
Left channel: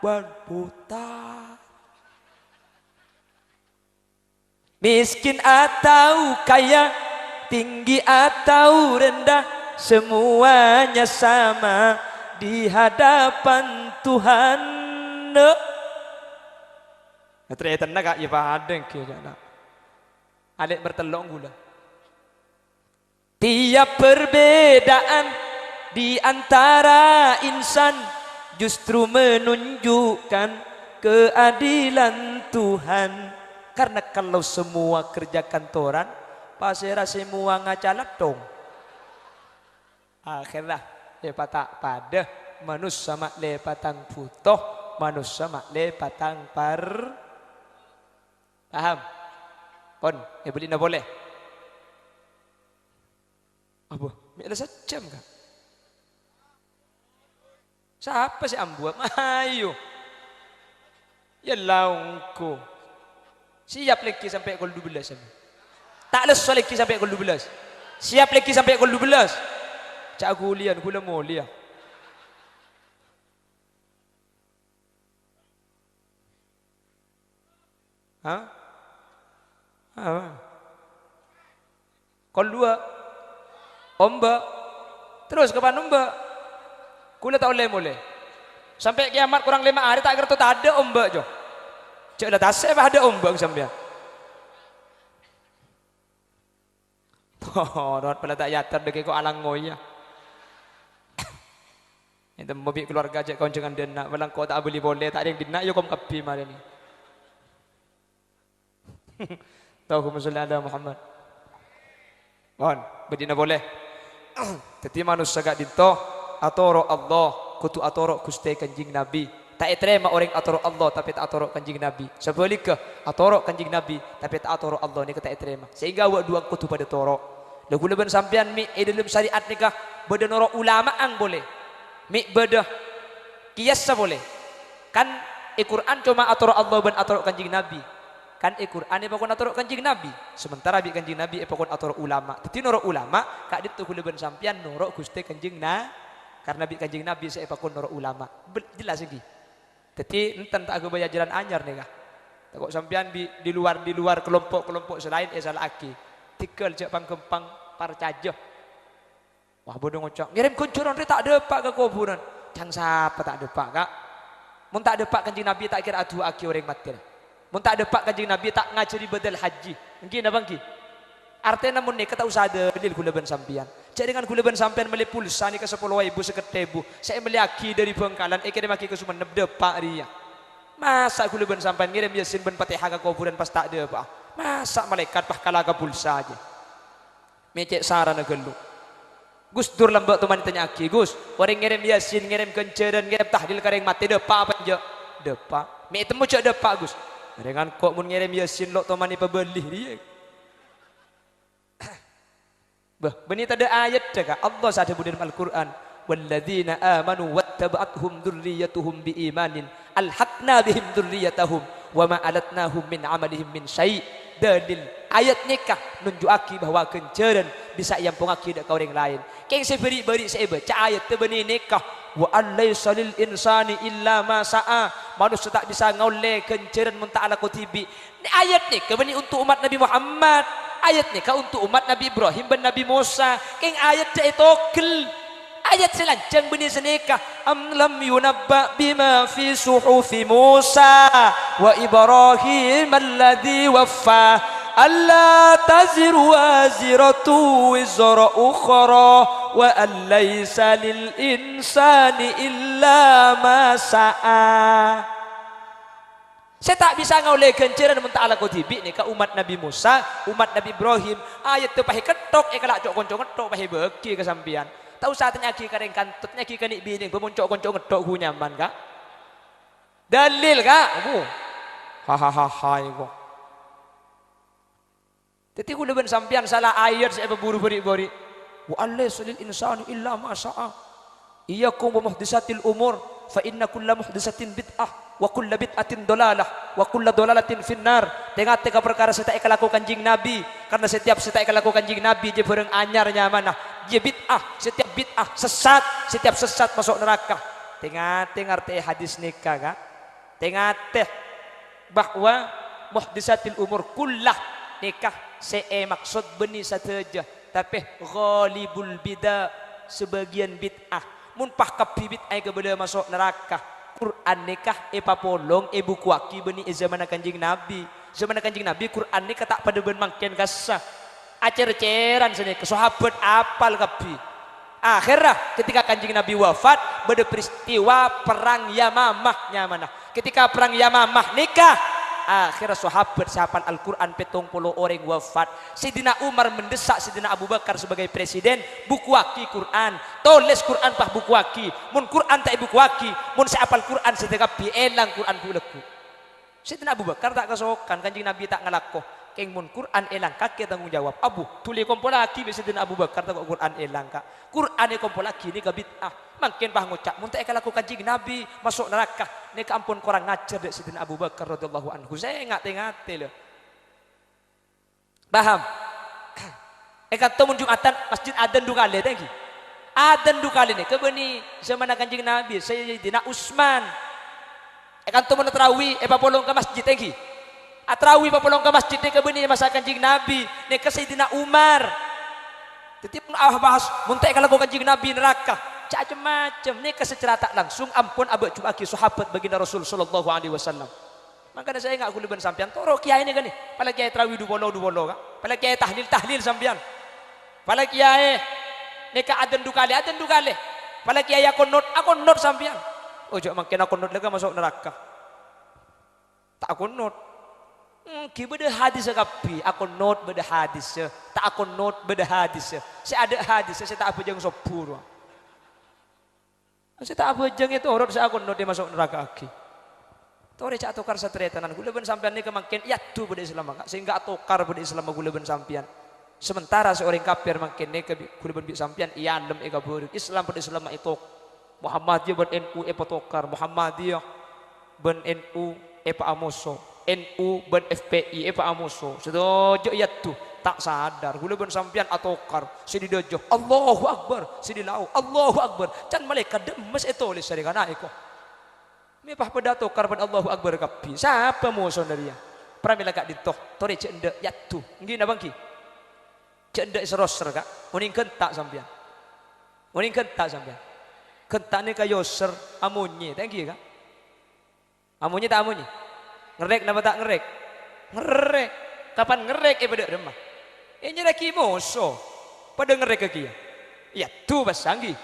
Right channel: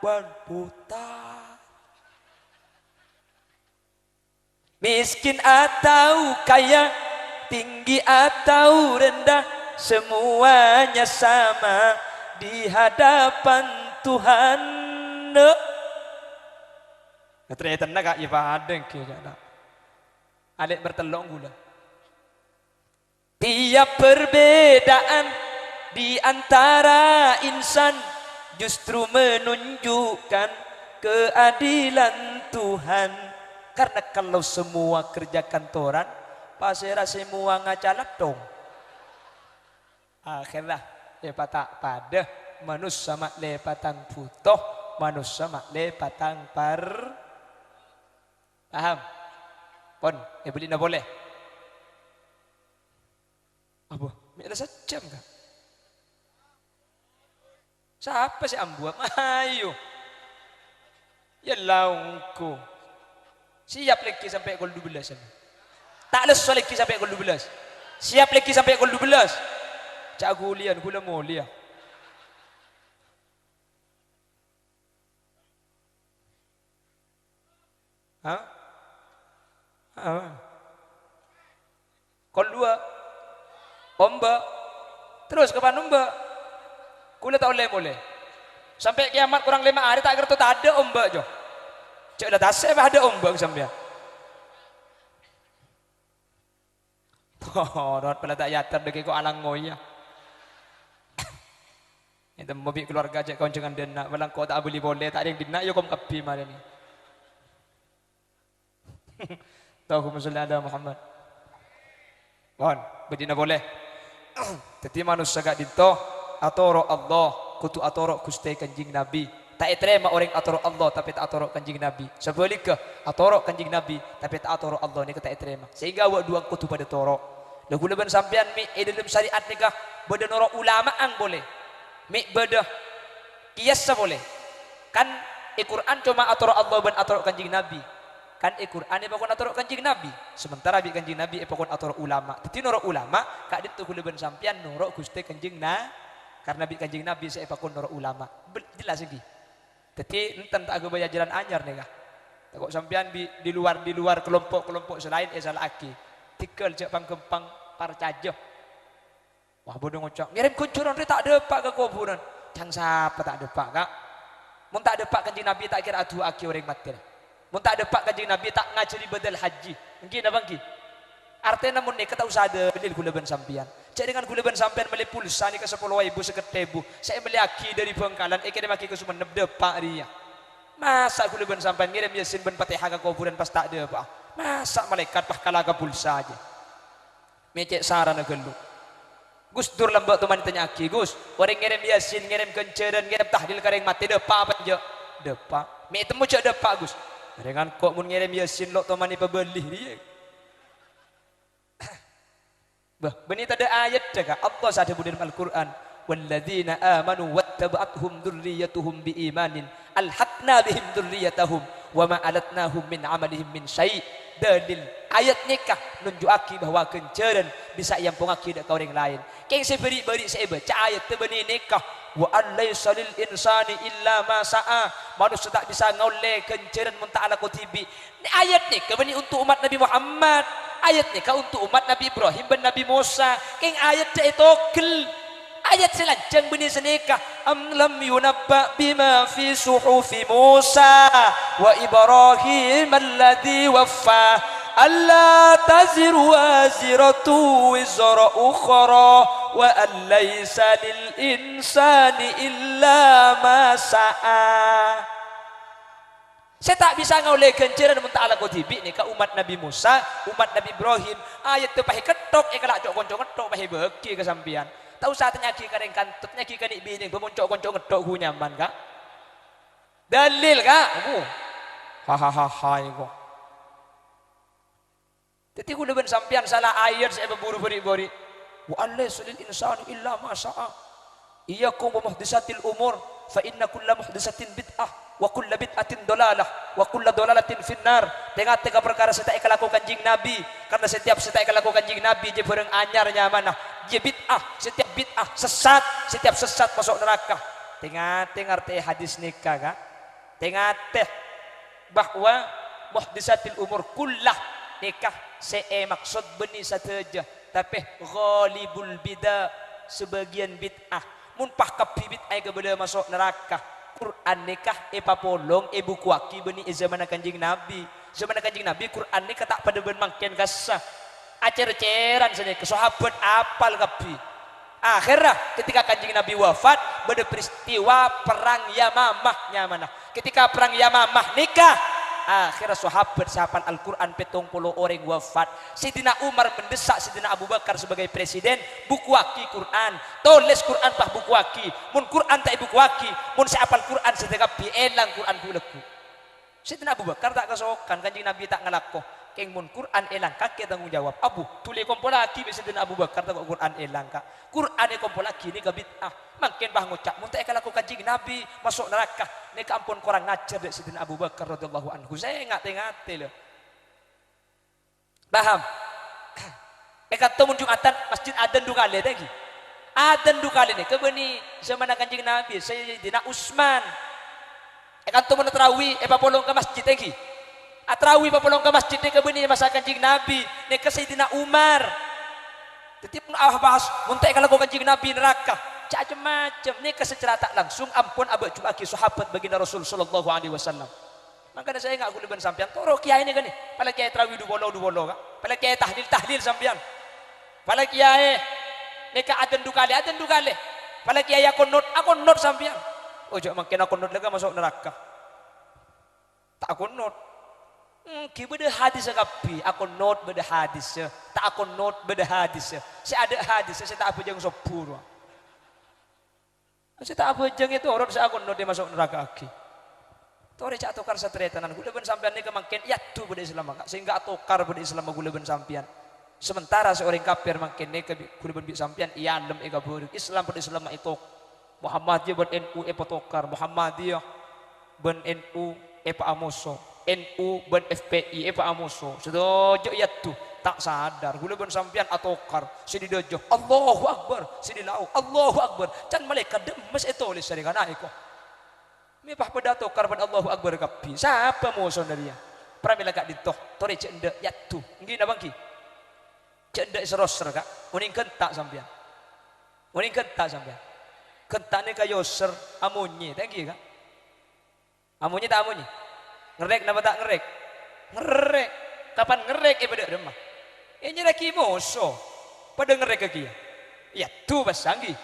berputar. Miskin atau kaya, tinggi atau rendah, semuanya sama di hadapan Tuhan. Ternyata nak ya padeng kira. Alik bertelung gula. Tiap perbedaan di antara insan justru menunjukkan keadilan Tuhan. Karena kalau semua kerja kantoran, pasirah semua ngacalat dong. Akhirlah lepatang pada manusia mak lepatang putoh, manusia mak lepatang paham? Kon, beli na boleh. Apa? Bila sejam kah? Siapa si ambu? Ayo. Ya laungku. Siap lagi sampai gol 12 sana. Tak lesu lagi sampai gol 12. Siap lagi sampai gol 12. Cak gulian gula mulia. Hah? Kol dua. Omba. Terus kapan omba? Kula tak boleh. Sampai kiamat kurang 5 hari tak kira tak ada omba jo. Cak dah tasik ada omba sampai. Oh, doat pala tak yatar dek ko alang ngoya. Itu mobil keluarga aja kau jangan dena, balang kau tak boleh tak ada yang dena yo kom kapi mari ni. Tahu masalah ada Muhammad. Mohon, bedina boleh. Teti manusia gak dinto atoro Allah, kutu atoro Gusti Kanjeng Nabi. Tak terima orang atoro Allah tapi tak atoro Kanjeng Nabi. Sebaliknya atoro Kanjeng Nabi tapi tak atoro Allah ni tak terima. Sehingga awak dua kutu pada toro. Lagu leban sampean mi dalam syariat nikah beda noro ulamaan boleh. Mi beda kiasa boleh. Kan Al-Quran cuma atoro Allah dan atoro Kanjeng Nabi. Kan Al-Quran ni pakon atoro Kanjeng Nabi. Sementara bi Kanjeng Nabi pakon atoro ulama. Teti noro ulama kak ditu leban sampean noro Gusti Kanjeng na karena bi Kanjeng Nabi saya pakon noro ulama. Jelas lagi. Teti enten tak agama jalan anyar nikah. Takut sampean di luar kelompok-kelompok selain salah aki. Tikel cek pangkempang parcajo. Wah bodoh ngocok. Ngirim kuncuran dia tak ada pak ke kuburan. Jangan siapa tak ada pak kak. Mun tak ada pak Kanjeng Nabi tak kira adu aki orang mati. Mun tak ada pak Kanjeng Nabi tak ngajari badal haji. Mungkin apa ki? Artinya namun ni kata usah ada dalil gula ban sampian. Cek dengan gula ban sampian beli pulsa ni ke 10.000 seketebu. Saya beli aki dari Bangkalan. Eke maki ke Sumeneb depak dia. Masa gula ban sampian ngirim Yasin ban Fatihah ke kuburan pas tak ada pak. Masa malaikat pah kalaga pulsa aja. Mecek sarana gelu. Gus dur lembak teman ditanya aki, Gus, orang ngirim Yasin, ngirim kenceran, ngirim tahlil kareng mati depa apa je? Depa. Me temu cek depa, Gus. Dengan kok mun ngirim Yasin lo teman ni pebeli dia. Bah, benih ada ayat jaga Allah sadar dalam Al-Qur'an. Walladzina amanu wattaba'athum dzurriyyatuhum biimanin alhaqna bihim dzurriyyatahum wa ma alatnahum min amalihim min syai'. Dalil ayat nikah nunjuaki bahwa kenceran bisa yang pengaki dak orang lain. Keng seberi-beri saya baca ayat tebeni nikah wa alaysa lil insani illa ma sa'a. Manusia tak bisa ngoleh kenceran mun ta'ala kutibi. Ini ayat nikah beni untuk umat Nabi Muhammad. Ayat nikah untuk umat Nabi Ibrahim dan Nabi Musa. Keng ayat cak itu ayat selancang benih senikah am lam yunabba bima fi suhufi Musa wa Ibrahim alladhi waffa alla taziru waziratu wizra ukhra wa an laysa lil insani illa ma sa'a. Saya tak bisa ngoleh kenceran mun ta'ala kutibi ni ka umat Nabi Musa, umat Nabi Ibrahim. Ayat tu pahi ketok kalak cok konco ketok pahi beki ke sampean. Tahu saatnya ki kareng kantutnya ki kanik bining pemuncok konco ngedok hu nyaman kak. Dalil kak. Hahaha ibu. Jadi aku dengan sampean salah ayat saya berburu beri-beri. Wa alaysa lil insani illa ma sa'a. Iyyakum wa muhdisatil umur fa inna kulla muhdisatin bid'ah wa kulla bid'atin dolalah wa kulla dolalatin finnar. Tengah-tengah perkara saya tak lakukan kanjing Nabi karena setiap saya tak lakukan kanjing Nabi je bareng anyarnya mana. Dia bid'ah, setiap bid'ah sesat, setiap sesat masuk neraka. Tengah-tengah arti hadis nikah kak. Tengah-tengah bahwa muhdisatil umur kullah nikah saya maksud benih saja tapi ghalibul bidah sebagian bid'ah munpah kapi bid'ah kepada masuk neraka. Quran nikah papolong buku waki benih zaman kanjing Nabi. Zaman kanjing Nabi Quran nikah tak pada ben mangken kasah. Acer-ceran sini ke sahabat apal kapi. Akhirnya ketika kanjing Nabi wafat pada peristiwa perang Yamamah mana. Ketika perang Yamamah nikah akhirnya sahabat Al-Quran 70 orang wafat. Sidina Umar mendesak Sidina Abu Bakar sebagai presiden buku waki Quran. Tulis Quran pah buku waki. Mun Quran tak buku waki. Mun seapal Quran sedekap elang Quran buleku. Sidina Abu Bakar tak kesokan kanjing Nabi tak ngelakoh. Keng mun Quran elang kakek tanggung jawab. Abu tuli kompol lagi Sidina Abu Bakar tak Quran elang kak. Quran e kompol lagi ni ka bid'ah. Makin bah ngucap mun tak lakukan kanjing Nabi masuk neraka. Ni ka ampun kurang ngajar dek Sidina Abu Bakar radhiyallahu anhu. Saya ngate-ngate loh. Paham? Kata mun Jumatan masjid adzan 2 kali lagi. Adan du kali ni kebeni zaman Kanjeng Nabi Sayyidina Utsman. Kan tu meneterawi papolong ke masjid lagi. Atrawi papolong ke masjid kebeni masa Kanjeng Nabi ni ke Sayyidina Umar. Tetip bahas muntai kalau Kanjeng Nabi neraka. Macam-macam ni secara tak langsung ampun abak cubaki sahabat baginda Rasul sallallahu alaihi wasallam. Makanya saya enggak kuliban sampean. Toro kiai ni kan ni. Pala kiai tarawih du bolo kan. Pala kiai tahlil sampean. Pala kiai neka adan du kali. Pala kiai akon not sampean. Ojo makin akon not lega masuk neraka. Tak akon not. Ki beda hadis kapi. Akon not beda hadis. Tak akon not beda hadis. Saya ada hadis, saya tak apa jeng sopur. Saya tak apa jeng itu orang saya akon not dia masuk neraka aki. Tore cak atokar satretanan gula ben sampean ni kemakin yatu pada Islam sehingga atokar pada Islam gula ben sampean. Sementara seorang kafir makin ni gula ben sampean iya andem ega beureuk Islam pada Islam itu Muhammadiyah ben NU patokar Muhammadiyah ben NU pa amoso NU ben FPI pa amoso sedojo yatu tak sadar gula ben sampean atokar sididojo Allahu Akbar sidilau Allahu Akbar can malaikat demes itu oleh sarigana iko. Mipah pedato karban Allahu Akbar kapi. Siapa musuh dari dia? Pramila kak ditoh. Tori cek ndek yatu. Nggih na bangki. Cek ndek seroser kak. Muning kentak sampean. Muning kentak sampean. Kentak ni kayo ser amunyi. Thank you kak. Amunyi tak amunyi? Ngerek napa tak ngerek? Ngerek. Kapan ngerek bedek remah. Nyereki musuh. Pada ngerek ke kia. Yatu basanggi.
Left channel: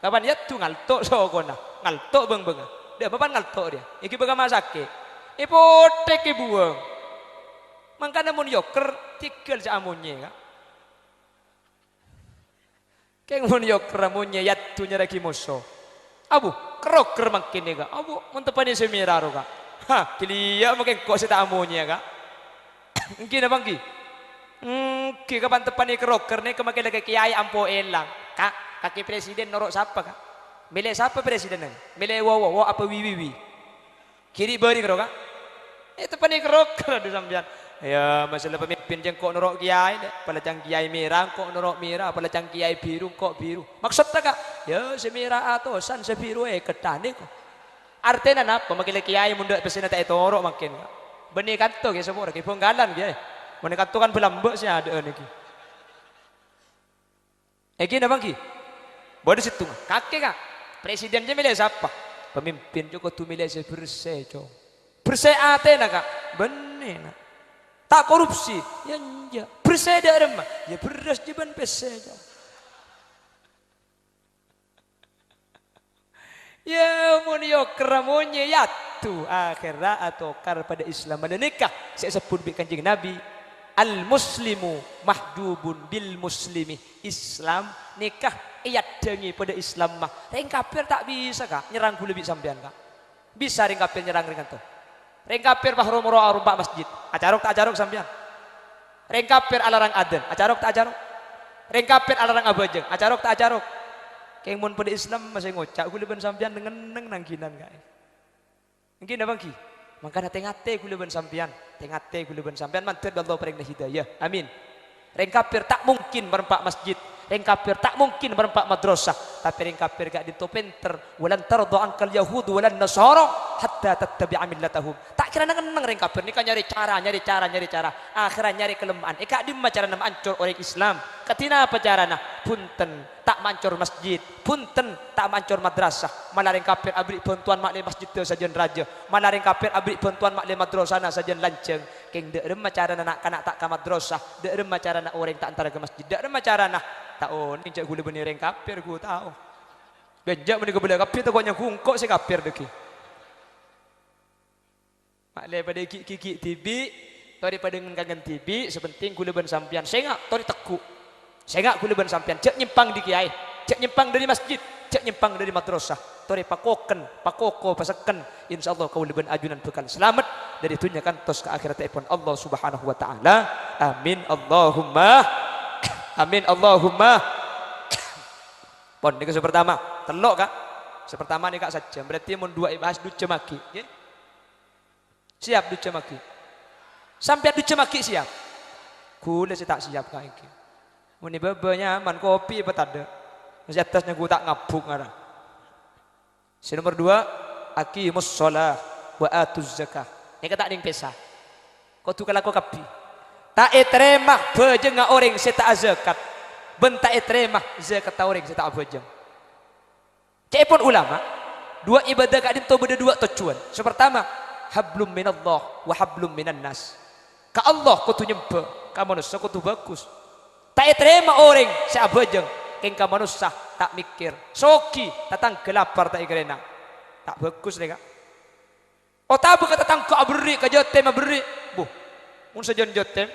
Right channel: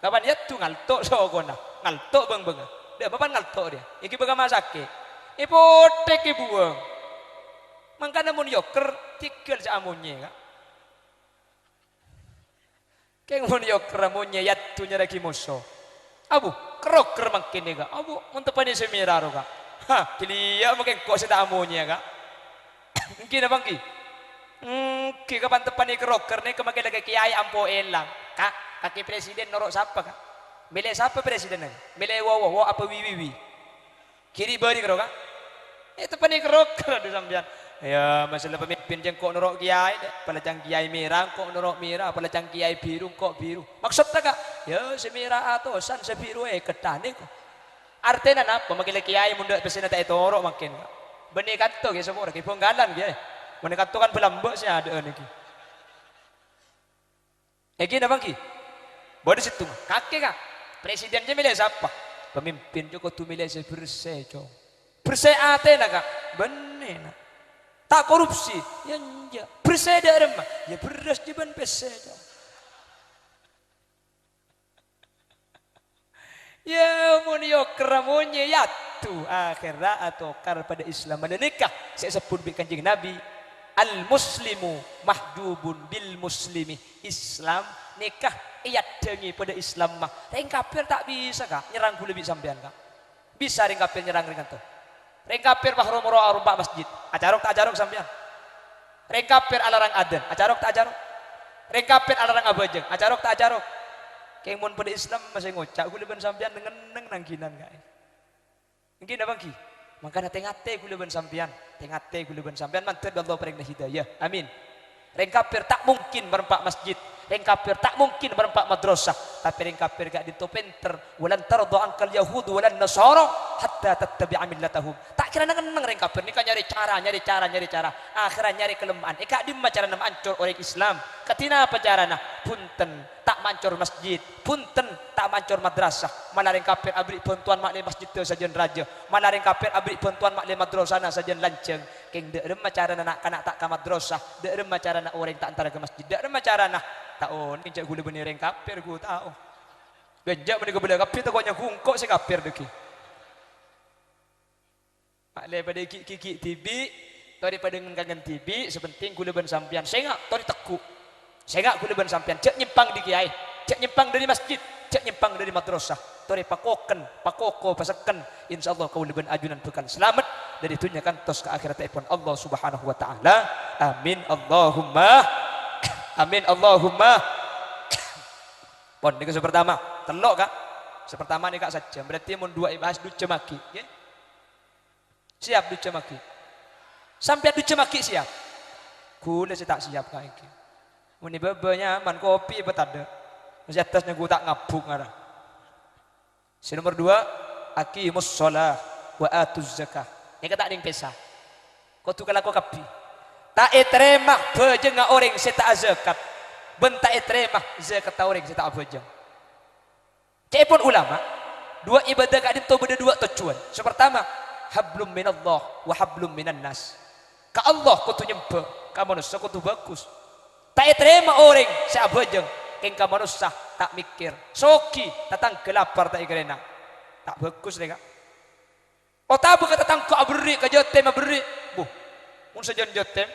Kapan yatu ngaltok sokona. Ngaltok beng-beng. Dia bapak ngaltok dia. Iki bagaimana sakit? Ipotek buang. Makanya mun yoker tikil sa amunnya kan. Keng mun yoker amunnya yatu nyeraki musuh. Abu keroker makin ni kak. Abu mentepani semiraro kak. Ha pilia makin kok sita amunnya kak. Mungkin abang ki. Ki kapan tepani keroker ni kemakin lagi kiai ampo elang. Kak kaki presiden norok siapa kak? Milih siapa presidennya? Milih wow apa wiwi? Kiri beri kerok kan? Itu panik kerok di sambian. Ya masalah pemimpin jeng kok norok kiai, pada jang kiai merah kok norok merah, pada jang kiai biru kok biru. Maksudnya kak? Ya semira atau san sebiru ketane kok. Artinya apa? Makin kiai mundur pesena tak itu norok makin. Benih kanto ke semua orang penggalan dia. Benih kanto kan belambek sih ada ni. Eki dah bangki. Boleh situ. Kakek kak. Presiden dia milih siapa? Pemimpin juga tu milih saya bersih jo. Bersih atena kak. Benar. Tak korupsi. Ya enggak. Bersih dia remah. Ya beras dia ben bersih jo. Ya munyo keramonye ya tu akhirat atau kar pada Islam menikah. Saya sebut Kanjeng Nabi. Al-muslimu mahdubun bil muslimi. Islam nikah iat dengi pada Islam mah. Reng kafir tak bisa kak nyerang lebih sampean kak. Bisa reng kafir nyerang ringan tuh. Reng kafir bahro-moro arumpak masjid. Acarok tak acarok sampean. Reng kafir alarang aden. Acarok tak acarok. Reng kafir alarang abajeng. Acarok tak acarok. Keng mun pada Islam masih ngocak kuliban sampean dengan nangkinan kak. Mungkin abang ki. Maka tengate kuliban sampean. Tengate kuliban sampean mantir Allah paring hidayah. Amin. Reng kafir tak mungkin merempak masjid. Reng kafir tak mungkin merempak madrasah. Tapi reng kafir gak ditopenter. Walan tarda angkal yahudu walan nasara hatta tattabi'a millatahum. Tak kira nang reng kafir ni kan nyari cara. Akhirnya nyari kelemahan. Kak di cara nam ancur orang Islam. Katina apa carana? Punten tak mancur masjid. Punten tak mancur madrasah. Malah reng kafir abri bantuan mak le masjid teu sajen raja. Malah reng kafir abri bantuan mak le madrasah sajen lanceng. Keng dek remah carana nak kanak tak ka madrasah. Dek remah carana orang tak antara ke masjid. Dek remah carana tahu ni cak gula benih reng kafir gua tahu. Benjak menika bela kafir tu kau hungkok si kafir deki. Mak le pada kiki tibi, daripada ngangan tibi sepenting gula ben sampian. Sengak tori teku. Sengak gula ben sampian. Cak nyimpang di kiai, cak nyimpang dari masjid, cak nyimpang dari madrasah. Tori pakoko paseken. Insyaallah kau leben ajunan bekal selamat dari dunia kan tos ke akhirat pun Allah Subhanahu wa taala. Amin Allahumma. Amin Allahumma. Pon ni ke pertama, telok kak. Sepertama ni kak saja. Berarti mun dua ibas duce maki. Okay? Siap duce maki. Sampai duce maki siap. Kule saya tak siap kak iki. Mun ni bebenya man kopi apa tak ada. Masih atasnya gua tak ngabung ada. Si nomor 2, aqimus shalah wa atuz zakah. Yang kata ning pesa. Kau tu kalau kau kapi. Tak terima bejeng orang seta zakat. Bentak terima zakat orang seta bejeng. Kepon ulama, dua ibadah kak itu beda dua tujuan. Pertama, hablum minallah wa hablum minan nas. Ka Allah kau tu nyembah, ka manusia kau tu bagus. Tak terima orang seta bejeng. Ing ka manusia tak mikir. Soki datang gelapar tak ikrena. Tak bagus mereka. Oh tak berkata datang ka beri ka jotem beri. Bu. Mun sejen jotem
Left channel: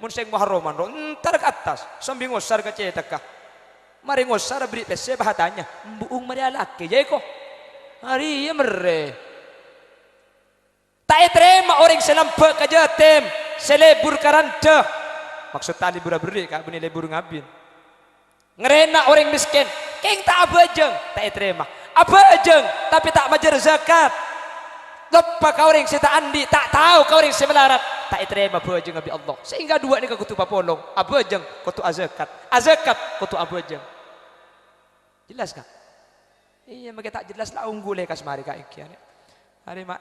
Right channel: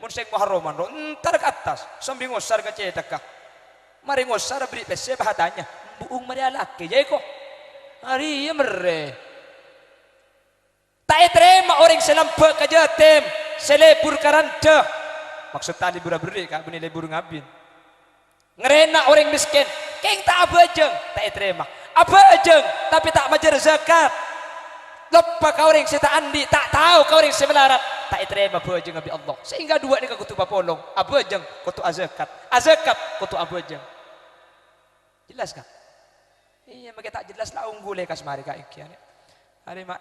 mun sing muharraman ro entar ke atas sambil ngosar ke cetakah mari ngosar beri pese bahatanya buung mari alake jai ko mari ya mere tak terima orang selempek ke jatem selebur karanta maksud tadi beri kak beni lebur ngabin ngerena orang miskin keng tak abajeng tak terima abajeng tapi tak majar zakat lepas kau orang serta andi tak tahu kau orang semelarat tak terima abajeng Nabi Allah sehingga dua ni kau tu papolong abajeng kau tu azakat kau tu abajeng jelas kan iya mereka tak jelas lah unggul lekas mari kak ikian hari mak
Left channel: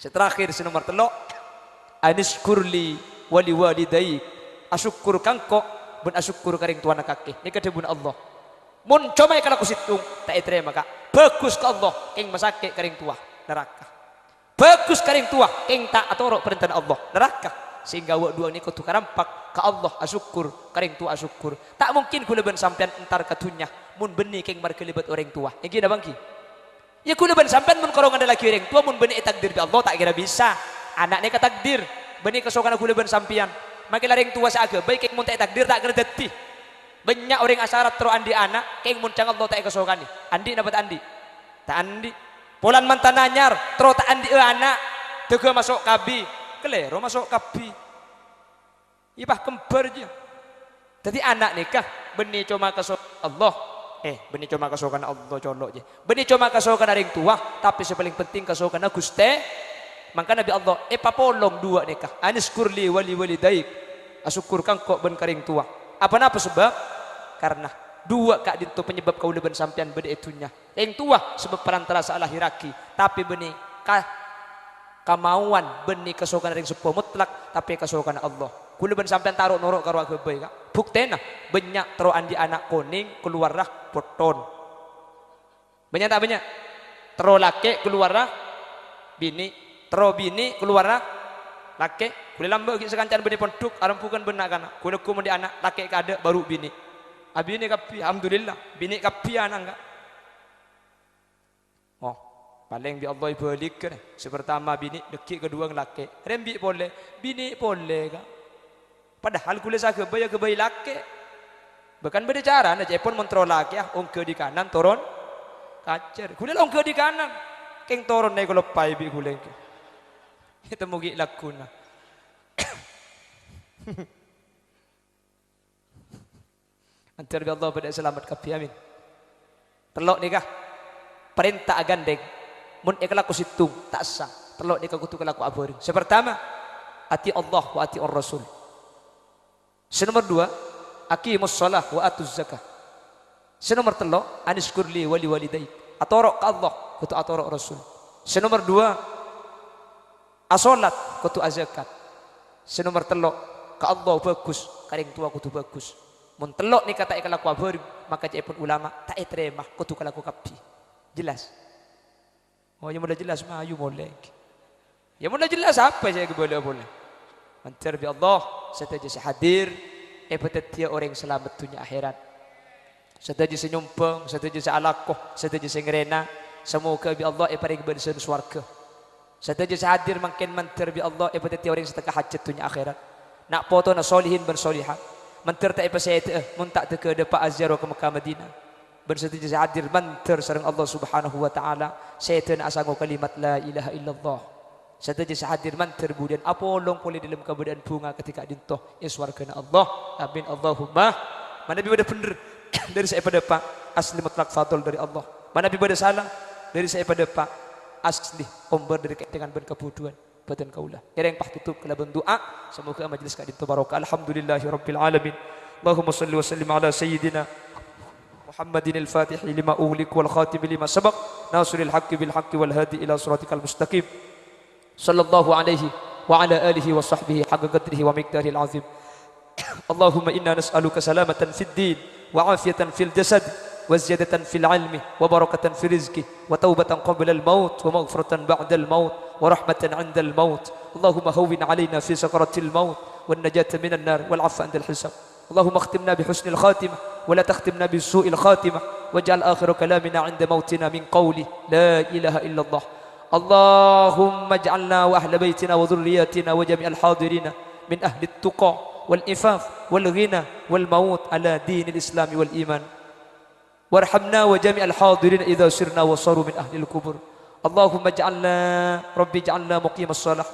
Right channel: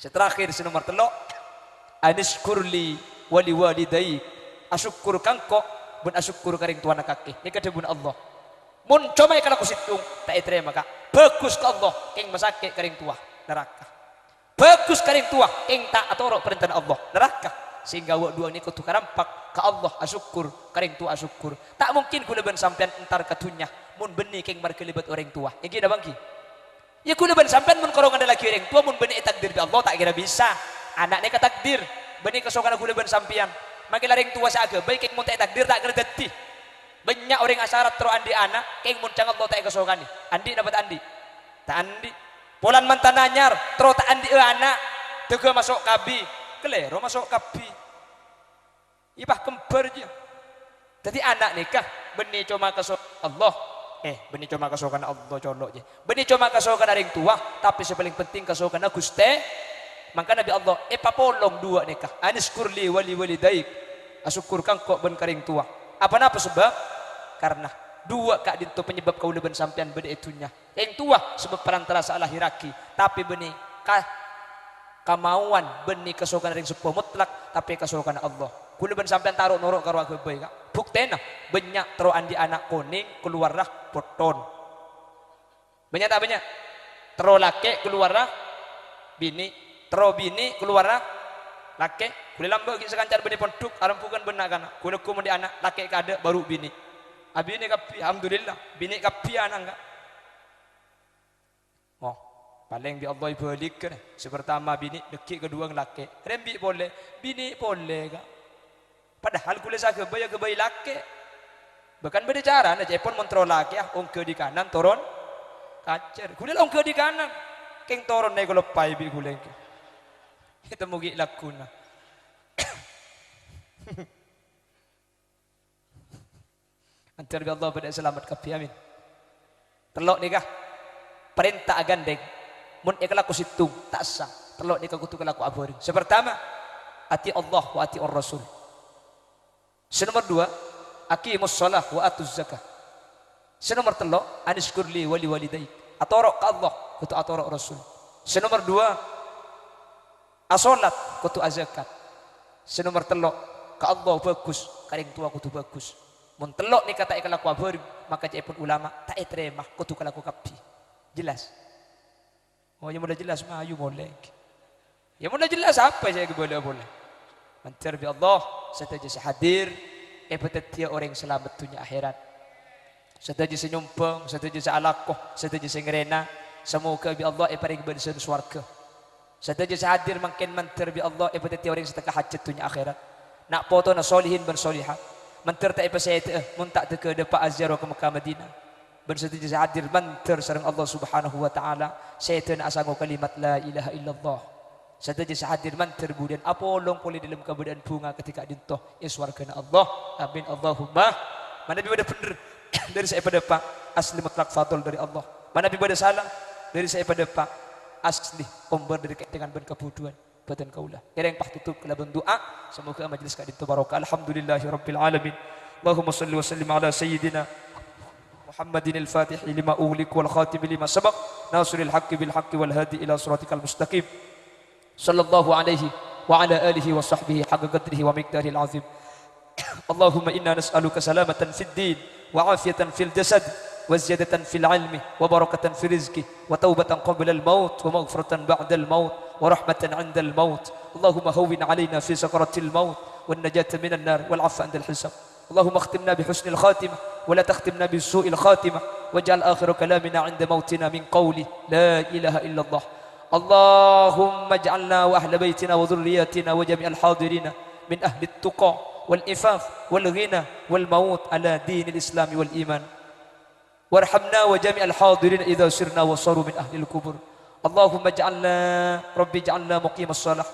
seterakhir nomor 3 aniskurli wali walidayik asyukur kangko bun asyukur karing tuan kaki ni kedebun Allah mun comai kalau aku situng tak terima kak bagus ke Allah keng masake karing tua neraka bagus karing tua keng tak atorok perintah Allah neraka sehingga wak dua ni kau tukar rampak ke Allah asyukur karing tua asyukur tak mungkin kuleban sampean entar katunya mun beni keng markelibat orang tua yang kira bangki ya kuleban sampean mun korongan ada laki orang tua mun beni takdir bi Allah tak kira bisa anak ni takdir beni kesokan kuleban sampean makin laring tua seaga baik keng mun tak takdir tak kira detih banyak orang asarat terus andi anak keng mun cang Allah tak kesokan ni andi dapat andi tak andi Polan mantan anyar, terus tak andi anak, juga masuk kabi, kelero masuk kabi. Ibah kembar dia. Jadi anak nikah, beni cuma kesok Allah, beni cuma kesokan Allah colok je. Beni cuma kesokan orang tua, tapi sepaling penting kesokan Gusti. Maka Nabi Allah, papolong dua nikah. Anis kurli wali daik, asyukur kangkok ben karing tua. Apa sebab? Karena dua kak dinto penyebab kau leben sampean beda itunya yang tua sebab perantara salah hiraki tapi beni kamauan beni kesokan ring sepo mutlak tapi kesokan Allah ku leben sampean taruh norok karo aku bae kak buktena banyak tero andi anak kuning keluarlah poton banyak tak banyak tero lake keluarlah bini tero bini keluarlah lake boleh lambak sekancan beni ponduk arampukan benak kana kulo ku mandi anak lake kada baru bini Bini kapi, alhamdulillah. Bini kapi anak enggak. Oh, paling bi Allah balik kan. Sepertama bini, deki kedua laki. Rembi boleh, bini boleh kak. Padahal kulit saya kebayi laki. Bahkan berbicara, nah Jepun mentrol laki, ongke di kanan, turun kacer. Kulit ongke di kanan, keng turun nih kalau pai bi kulit. Kita mugi lakuna. Antar Allah pada selamat kapi amin. Telok nikah perintah agandeng mun ikhlaku situng tak sah. Telok nikah kutu kelaku abori. Sepertama ati Allah wa ati Rasul. Senomor 2 aqimus shalah wa atuz zakah. Senomor 3 aniskurli wali walidayk. Atorok Allah kutu atorok Rasul. Senomor 2 asolat kutu azakat. Senomor 3 ka Allah bagus karing tua kutu bagus. Mun telok ni kata ikan laku abur maka cepun ulama tak terima kutu kalaku kapi jelas oh ya mulai jelas mah ayu boleh ya mulai jelas apa saya boleh mantar bi Allah setaja hadir petetia orang selamat dunia akhirat setaja senyumpeng setaja alakoh setaja sengrena semoga bi Allah paring bensen swarga setaja hadir makin mantar bi Allah petetia orang setengah hajat dunia akhirat nak foto na solihin bersolihat mantar tak saya muntak ke depan Azhar ke Mekah Madinah bersetuju hadir mantar sareng Allah Subhanahu wa taala setan asango kalimat la ilaha illallah setuju hadir mantar kemudian apolong boleh dalam keadaan bunga ketika dintoh iswargana Allah amin Allahumma mana bi pada bener dari saya pada pak asli mutlak fadl dari Allah mana bi pada salah dari saya pada pak asli omber dari dengan berkebutuhan badan kaulah. Ya yang tutup kelaban doa. Semoga majelis kak itu barokah. Alhamdulillahirabbil alamin. Allahumma shalli wa sallim ala sayyidina محمد الفاتح لما أغلق والخاتم لما سبق ناصر الحق بالحق والهادي إلى صراطك المستقيم صلى الله عليه وعلى آله وصحبه حق قدره ومقداره العظيم. اللهم إنا نسألك سلامة في الدين وعافية في الجسد وزيادة في العلم وبركة في الرزق وتوبة قبل الموت ومغفرة بعد الموت ورحمة عند الموت. اللهم هون علينا في سكرة الموت والنجاة من النار والعفو عند الحساب. اللهم اختمنا بحسن الخاتمة ولا تختمنا بسوء الخاتمة واجعل آخر كلامنا عند موتنا من قول لا إله إلا الله. اللهم اجعلنا وأهل بيتنا وذرياتنا وجميع الحاضرين من أهل التقى والإفاف والغنى والموت على دين الإسلام والإيمان. وارحمنا وجميع الحاضرين إذا سرنا وصاروا من أهل القبور. اللهم اجعلنا ربي اجعلنا مقيم الصلاة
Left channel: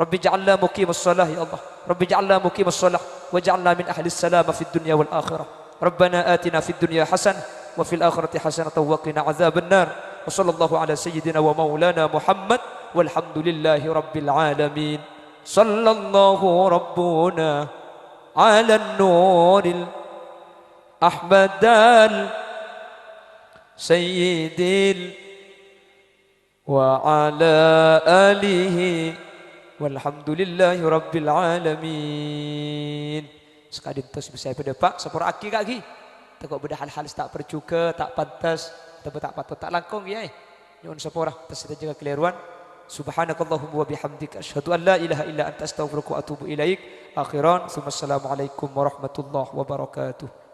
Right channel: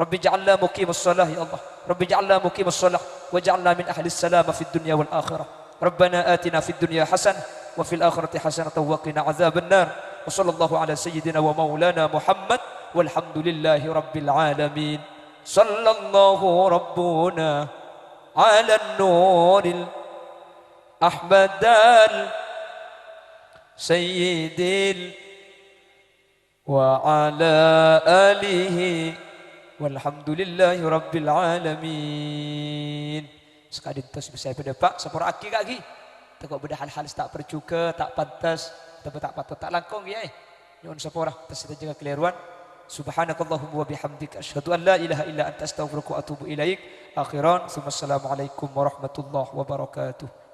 ربي اجعلنا مقيم الصلاة يا الله ربي اجعلنا مقيم الصلاة واجعلنا من أهل السلامة في الدنيا والآخرة. ربنا آتنا في الدنيا حسنة وفي الآخرة حسنة وقنا عذاب النار. وصلى الله على سيدنا ومولانا محمد والحمد لله رب العالمين. صلى الله ربنا على النور الأحمد السيد وعلى آله والحمد لله رب العالمين. Sekali tos bisa pada Pak sepura aki kaki. Tegak beda hal-hal tak percuka, tak pantas, tak patut tak langkung ya. Nyuwun sepura terus jaga keliruan. Subhanakallahumma wa bihamdika asyhadu an la ilaha illa anta astaghfiruka wa atubu ilaik. Akhiran, assalamualaikum warahmatullahi wabarakatuh.